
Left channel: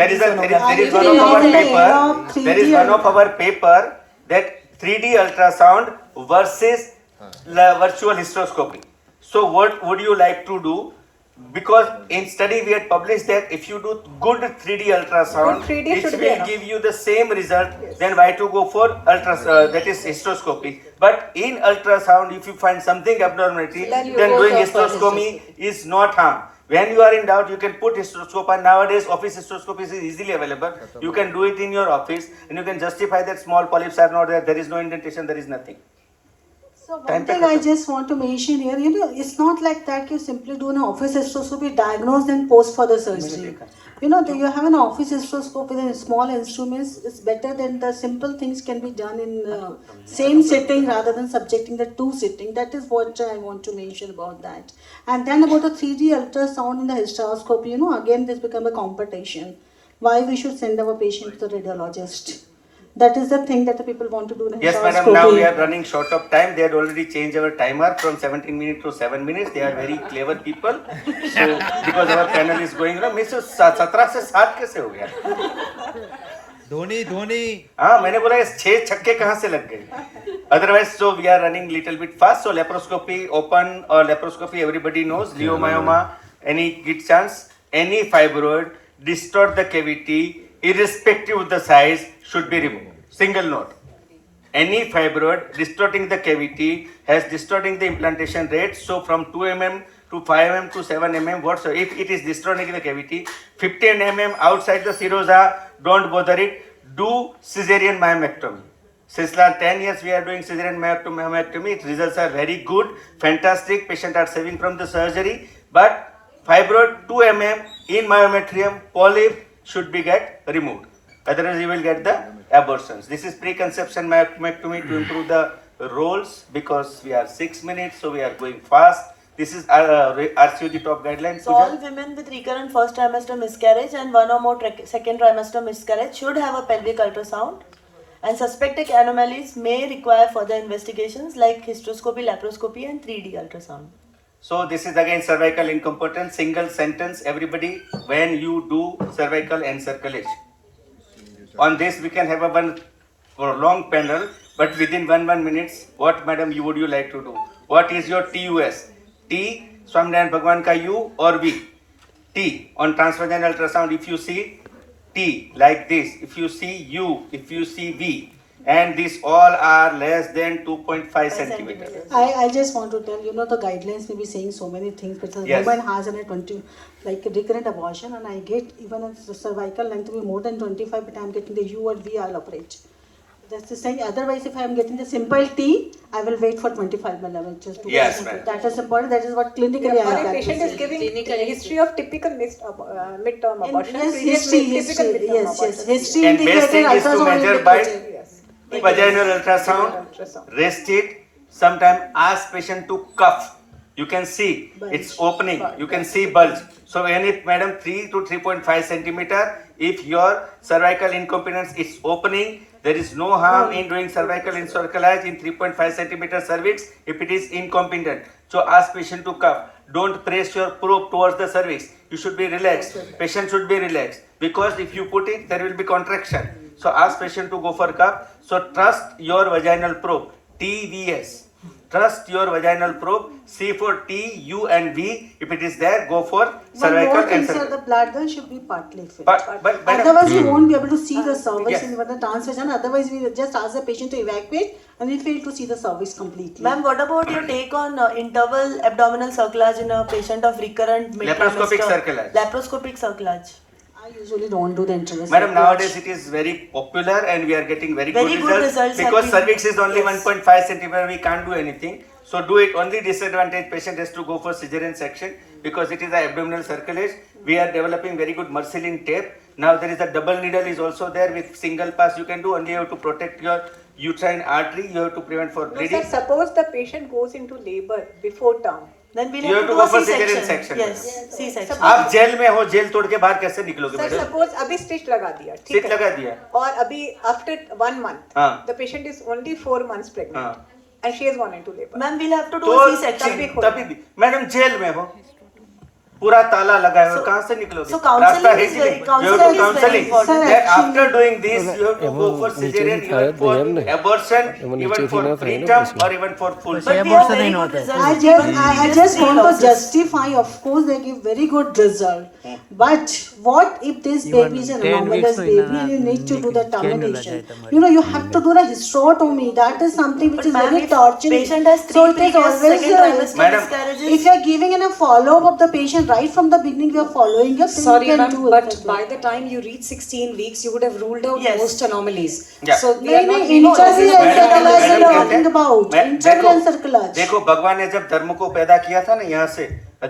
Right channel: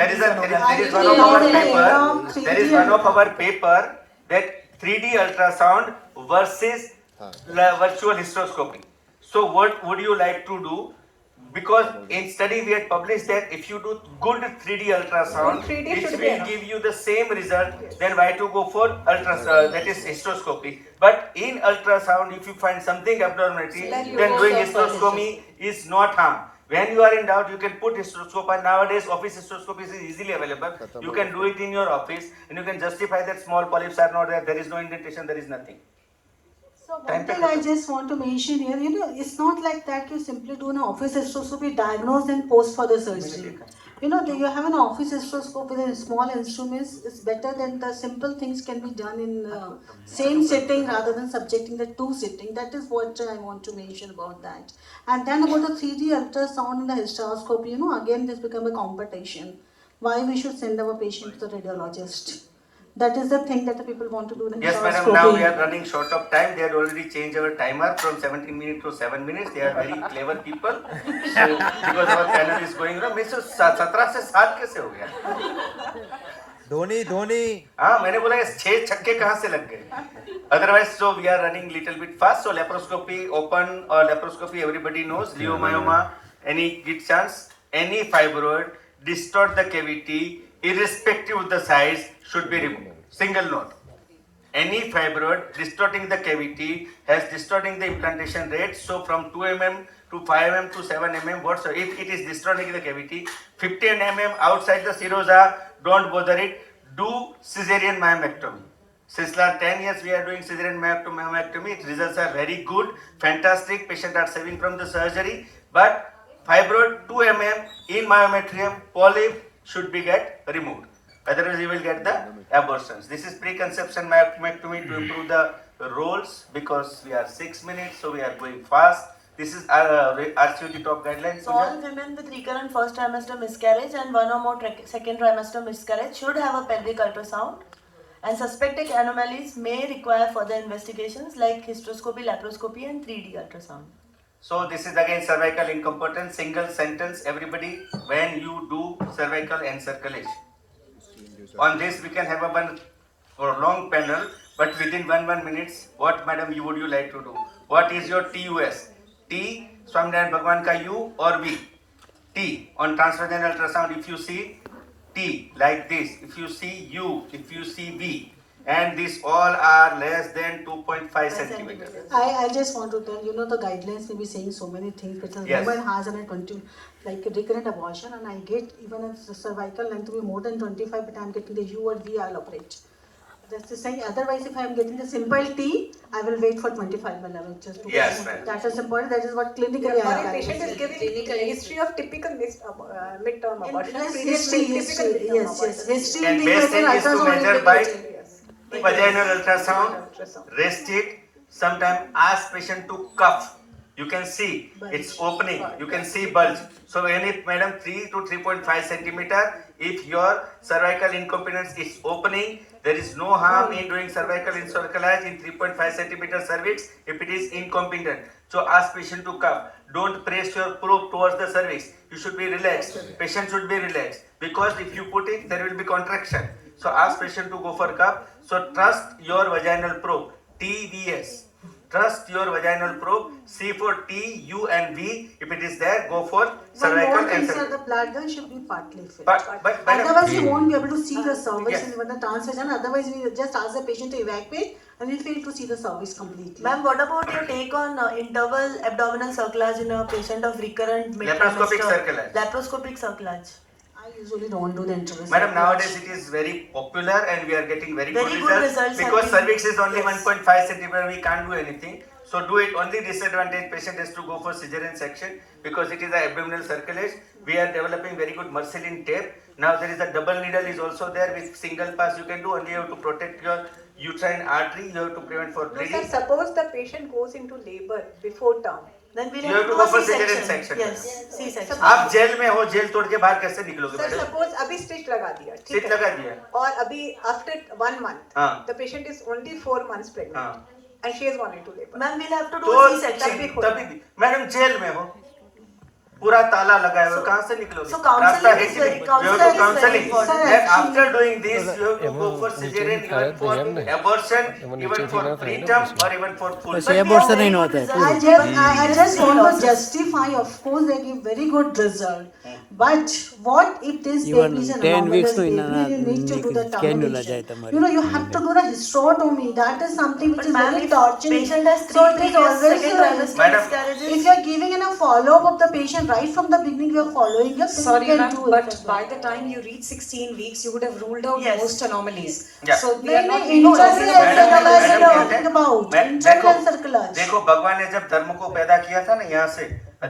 There is one of our paper that 3D ultrasound versus virtual hysteroscopy. So what would you like to do? Because in study we had published that if you do good 3D ultrasound, Good 3D it should be will enough. give you the same result, then why to go for that is hysteroscopy. But in ultrasound, if you find something abnormality, Then you then go doing for hysteroscopy is not harm. When you are in doubt, you can put hysteroscope, and nowadays office hysteroscopy is easily available. You can do it in your office, and you can justify that small polyps are not there, there is no indentation, there is nothing. So one thing I just want to mention here, it's not like that you simply do an office hysteroscopy, diagnose then post for the surgery. You have an office hysteroscope with a small instruments, it's better than the simple things can be done in same sitting rather than subjecting the two sitting. That is what I want to mention about that. And then about the 3D ultrasound in the hysteroscopy, again this become a competition. Why we should send our patient to the radiologist? That is the thing that the people want to do in Yes, madam, hysteroscopy. now we are running short of time. They had already changed our timer from 17 minutes to 7 minutes. They are very clever people. So, because our panel is going on, Mr. 17 से 7 कैसे हो गया? धोनी हाँ, मैंने बोला ये 6 छक्के कहाँ से लग गए? Otherwise, so we are running little bit fast. So laparoscopy, open or laparoscopy, everybody knows. Leiomyoma, any good chance, any fibroid, distort the cavity, irrespective of the size, should be removed. Single note. Any fibroid distorting the cavity has distorting the implantation rate. So from 2 mm to 5 mm to 7 mm, whatsoever, if it is distorting the cavity, 15 mm outside the serosa, don't bother it. Do cesarean myomectomy. Since last 10 years we are doing cesarean myomectomy. Its results are very good, fantastic. Patients are saving from the surgery. But fibroid 2 mm in myometrium, polyp should be get removed. Otherwise you will get the abortions. This is preconception myomectomy to improve the rolls, because we are 6 minutes, so we are going fast. This is RCOG top guidelines. So all women with recurrent first trimester miscarriage and one or more second trimester miscarriage should have a pelvic ultrasound, and suspected anomalies may require further investigations like hysteroscopy, laparoscopy and 3D ultrasound. So this is again cervical incompetence, single sentence, everybody, when you do cervical encirculation. On this we can have a one long panel, but within 1 minutes, what madam would you like to do? What is your TUS? T, Swaminaran Bhagwan ka U or V? T, on transvaginal ultrasound if you see T like this, if you see U, if you see V, and these all are less than 2.5 centimeters. I just want to tell, the guidelines may be saying so many things, because Yes. woman has a recurrent abortion, and I get, even if the cervical length be more than 25, but I'm getting the U or V, I'll operate. That's the saying. Otherwise, if I'm getting the simple T, I will wait for 25 millimeters. Yes, ma'am. That is important. That is what clinically I If have a patient is practiced. giving a history of typical midterm abortion, Yes, previous history, typical midterm yes. abortion. History And best thing is to ultrasound measure indicator. by Yes. vaginal ultrasound, Ultrasound. rest it, sometimes ask patient to cuff. You can see it's opening. You can see bulge. So when it, madam, 3 to 3.5 centimeter, if your cervical incompetence is opening, there is no harm in doing cervical encirclage in 3.5 centimeter cervix if it is incompetent. So ask patient to cuff. Don't press your probe towards the cervix. You should be relaxed. Patient should be relaxed because if you put it, there will be contraction. So ask patient to go for cuff. So trust your vaginal probe. TVS. Trust your vaginal probe. C for T, U and V. If it is there, go for cervical and inside cervical. the bladder should be partly filled. But Otherwise, you won't be able to see the cervix Yes. in the transvaginal. Otherwise, we just ask the patient to evacuate and we fail to see the cervix completely. Ma'am, what about your take on interval abdominal circlage in a patient of recurrent Laparoscopic mid-trimester? circlage. Laparoscopic circlage. I usually don't do the interval. Madam, nowadays it is very popular and we are getting very Very good good results results because have been- cervix is only Yes. 1.5 centimeter. We can't do anything. So do it. Only disadvantage patient has to go for cesarean section because it is the abdominal circulage. We are developing very good Marcelin tape. Now there is a double needle is also there with single pass you can do. Only you have to protect your uterine artery. You have to prevent for Sir, bleeding. suppose the patient goes into labor before term. Then we'll You have have to to do a go for cesarean C-section. section. Yes, C-section. आप jail में हो, jail तोड़ के बाहर कैसे निकलोगे Sir, madam? suppose अभी stitch लगा दिया, ठीक स्टिच है? लगा दिया। और अभी after 1 month, हाँ। the patient is only 4 months pregnant, हाँ। and she has gone into labor. Ma'am, we'll have to do तो a C-section. तभी भी मैडम जेल में हो, पूरा ताला लगा है और कहाँ से निकलोगे? so counseling रास्ता है is ही very- नहीं। counseling You have to is very counseling. important. Then after doing this, you have to go for cesarean, even for abortion, even for preterm, or even for full. But we have very good results. I just want to justify, of course, they give very good result. But what if this baby is an anomalous baby and you need to do the termination? You know, you have to do the hysterotomy. That is something which is Ma'am, very if torturing. patient has So 3 it is previous always second trimester Madam, miscarriages. if you are giving in a follow-up of the patient right from the beginning, you are following your Sorry, can ma'am, do it. but by the time you reach 16 weeks, you would have ruled out Yes. most anomalies. Yeah. So we are नहीं not नहीं we know internal this is Madam, एंसरक्लाज madam we are कहते talking हैं, about मैं- internal देखो एंसरक्लाज देखो भगवान ने जब धर्म को पैदा किया था ना यहाँ से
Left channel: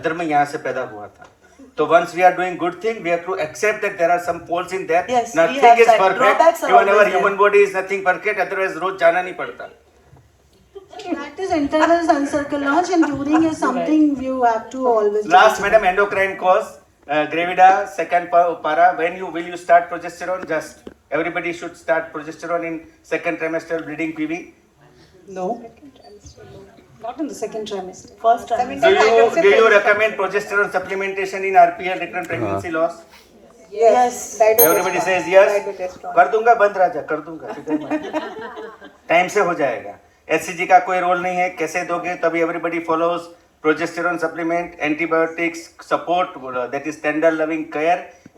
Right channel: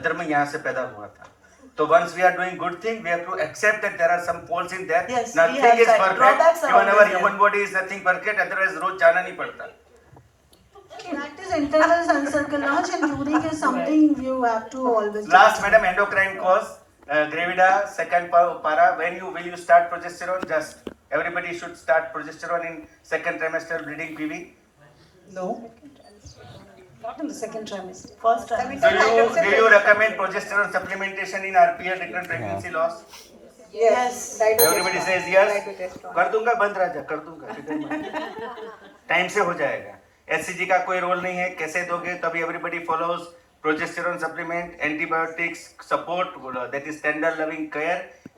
धर्म यहाँ से पैदा हुआ था तो once we are doing good thing we have to accept that there are some faults in there. Yes, we Nothing have is that. perfect. Drawbacks are Even our always human there. body is nothing perfect. Otherwise रोज जाना नहीं पड़ता. that is internal encirclage and during is something you have to always Last consider. madam endocrine cause gravida second para when you will you start progesterone just everybody should start progesterone in second trimester bleeding PV. No. Not in the second trimester. First trimester. Do you recommend progesterone supplementation in RPL recurrent pregnancy loss? Yes. Everybody says yes. कर दूंगा बंद राजा कर दूंगा time से हो जाएगा. HCG का कोई रोल नहीं है कैसे दोगे तभी everybody follows progesterone supplement antibiotics support that is tender loving care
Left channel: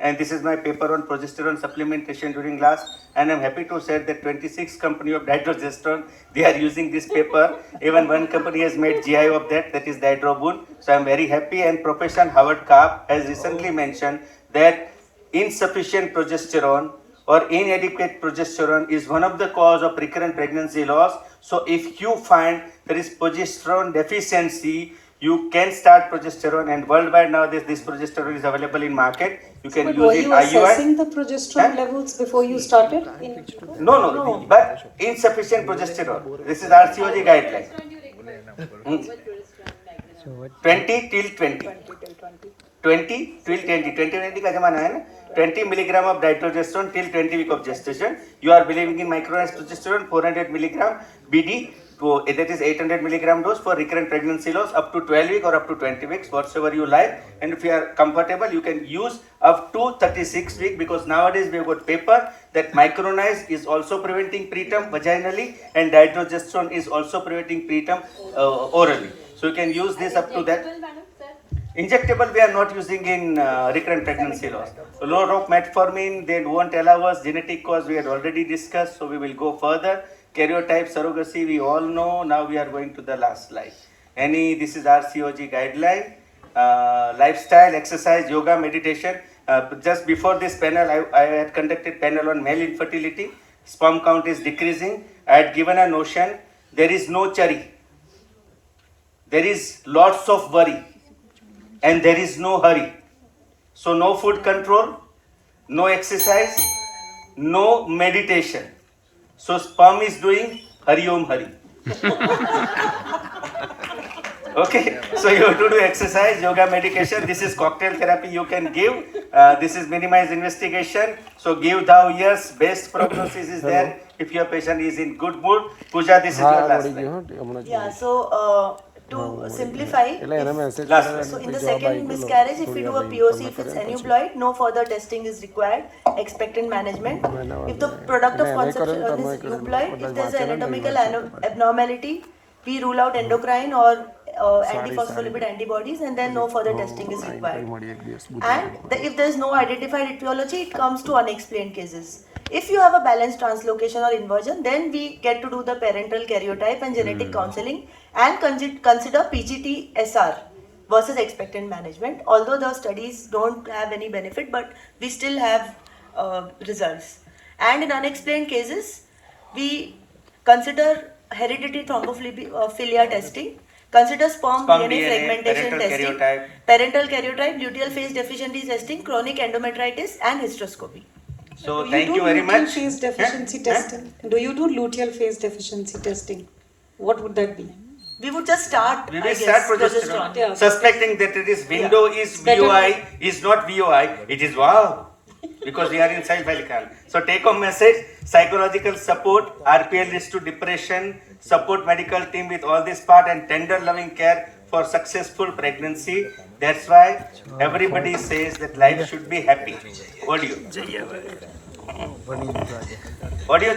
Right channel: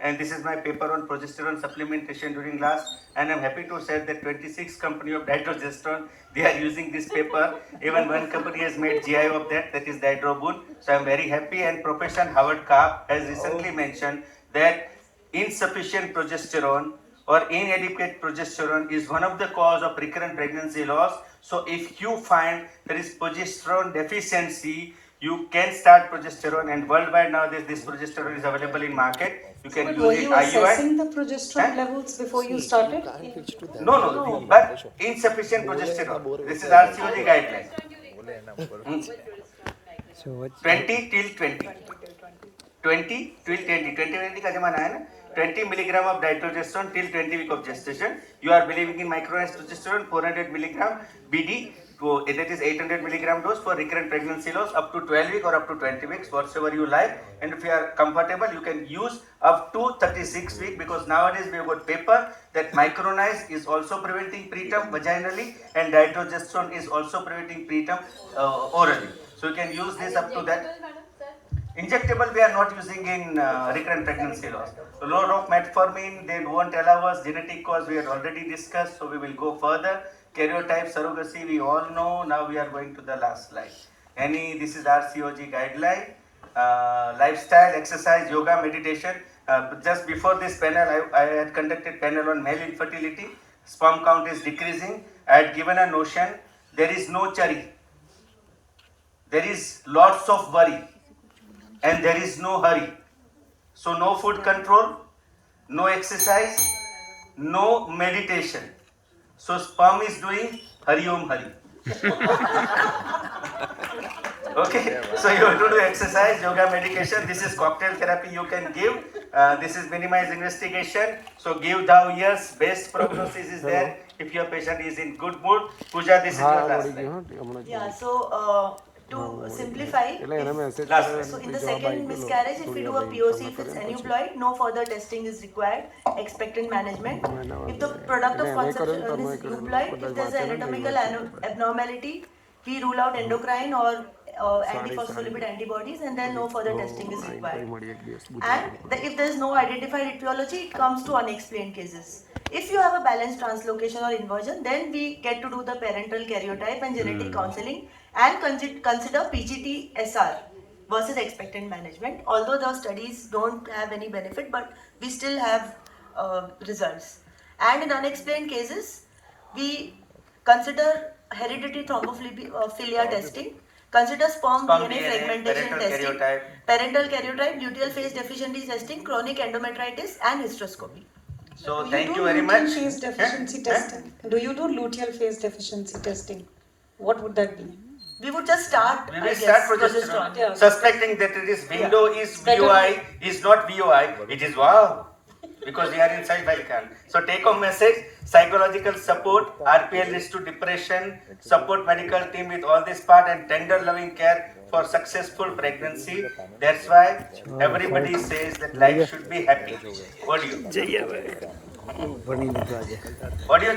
and this is my paper on progesterone supplementation during last and I'm happy to say that 26 company of dydrogesterone they are using this paper even one company has made GI of that is dydrobune so I'm very happy and Professor Howard Karp has recently mentioned that insufficient progesterone or inadequate progesterone is one of the cause of recurrent pregnancy loss. So if you find there is progesterone deficiency, you can start progesterone and worldwide nowadays this progesterone is available in market. You can But use were it you IUI. assessing the progesterone Huh? levels before you started? No, but insufficient progesterone. This is RCOG guideline. 20 till 20. 20 till 20 का जमाना है ना 20 milligram of dydrogesterone till 20 week of gestation. You are believing in micronized progesterone 400 milligram BD. So that is 800 milligram dose for recurrent pregnancy loss up to 12 weeks or up to 20 weeks, whatsoever you like. And if you are comfortable, you can use up to 36 weeks because nowadays we have got paper that micronized is also preventing preterm vaginally and dydrogesterone is also preventing preterm orally. So you can use this up to that. Injectable we are not using in recurrent pregnancy loss. So lower of metformin, they won't allow us. Genetic cause we had already discussed, so we will go further. Karyotype surrogacy we all know. Now we are going to the last slide. This is RCOG guideline. Lifestyle, exercise, yoga, meditation. Just before this panel, I had conducted panel on male infertility. Sperm count is decreasing. I had given a notion. There is no chari. There is lots of worry. And there is no hurry. So no food control, no exercise, no meditation. So sperm is doing Hari Om Hari. Okay, so you have to do exercise, yoga, medication. This is cocktail therapy you can give. This is minimized investigation. So give thou ears. Best prognosis is there if your patient is in good mood. Pooja, this is your last line. Yeah, so to simplify, Last so in the second miscarriage, if we do a POC, if it's aneuploid, no further testing is required, expectant management. If the product of conception is euploid, if there's an anatomical abnormality, we rule out endocrine or antiphospholipid antibodies, and then no further testing is required. And if there's no identified etiology, it comes to unexplained cases. If you have a balanced translocation or inversion, then we get to do the parental karyotype and genetic counseling and consider PGT-SR versus expectant management. Although the studies don't have any benefit, but we still have results. And in unexplained cases, we consider hereditary thrombophilia testing, consider sperm DNA fragmentation testing, parental karyotype, luteal phase deficiency testing, chronic endometritis, and hysteroscopy. So thank you very much. Luteal phase deficiency testing. Do you do luteal phase deficiency testing? What would that be? We would just start. We will start progesterone. Yeah. Suspecting that it is window is VOI, is not VOI, it is wow. Because we are inside Vatican. So take home message, psychological support, RPL leads to depression, support medical team with all this part and tender loving care for successful pregnancy. That's why everybody says that life should be happy. What do you? What do you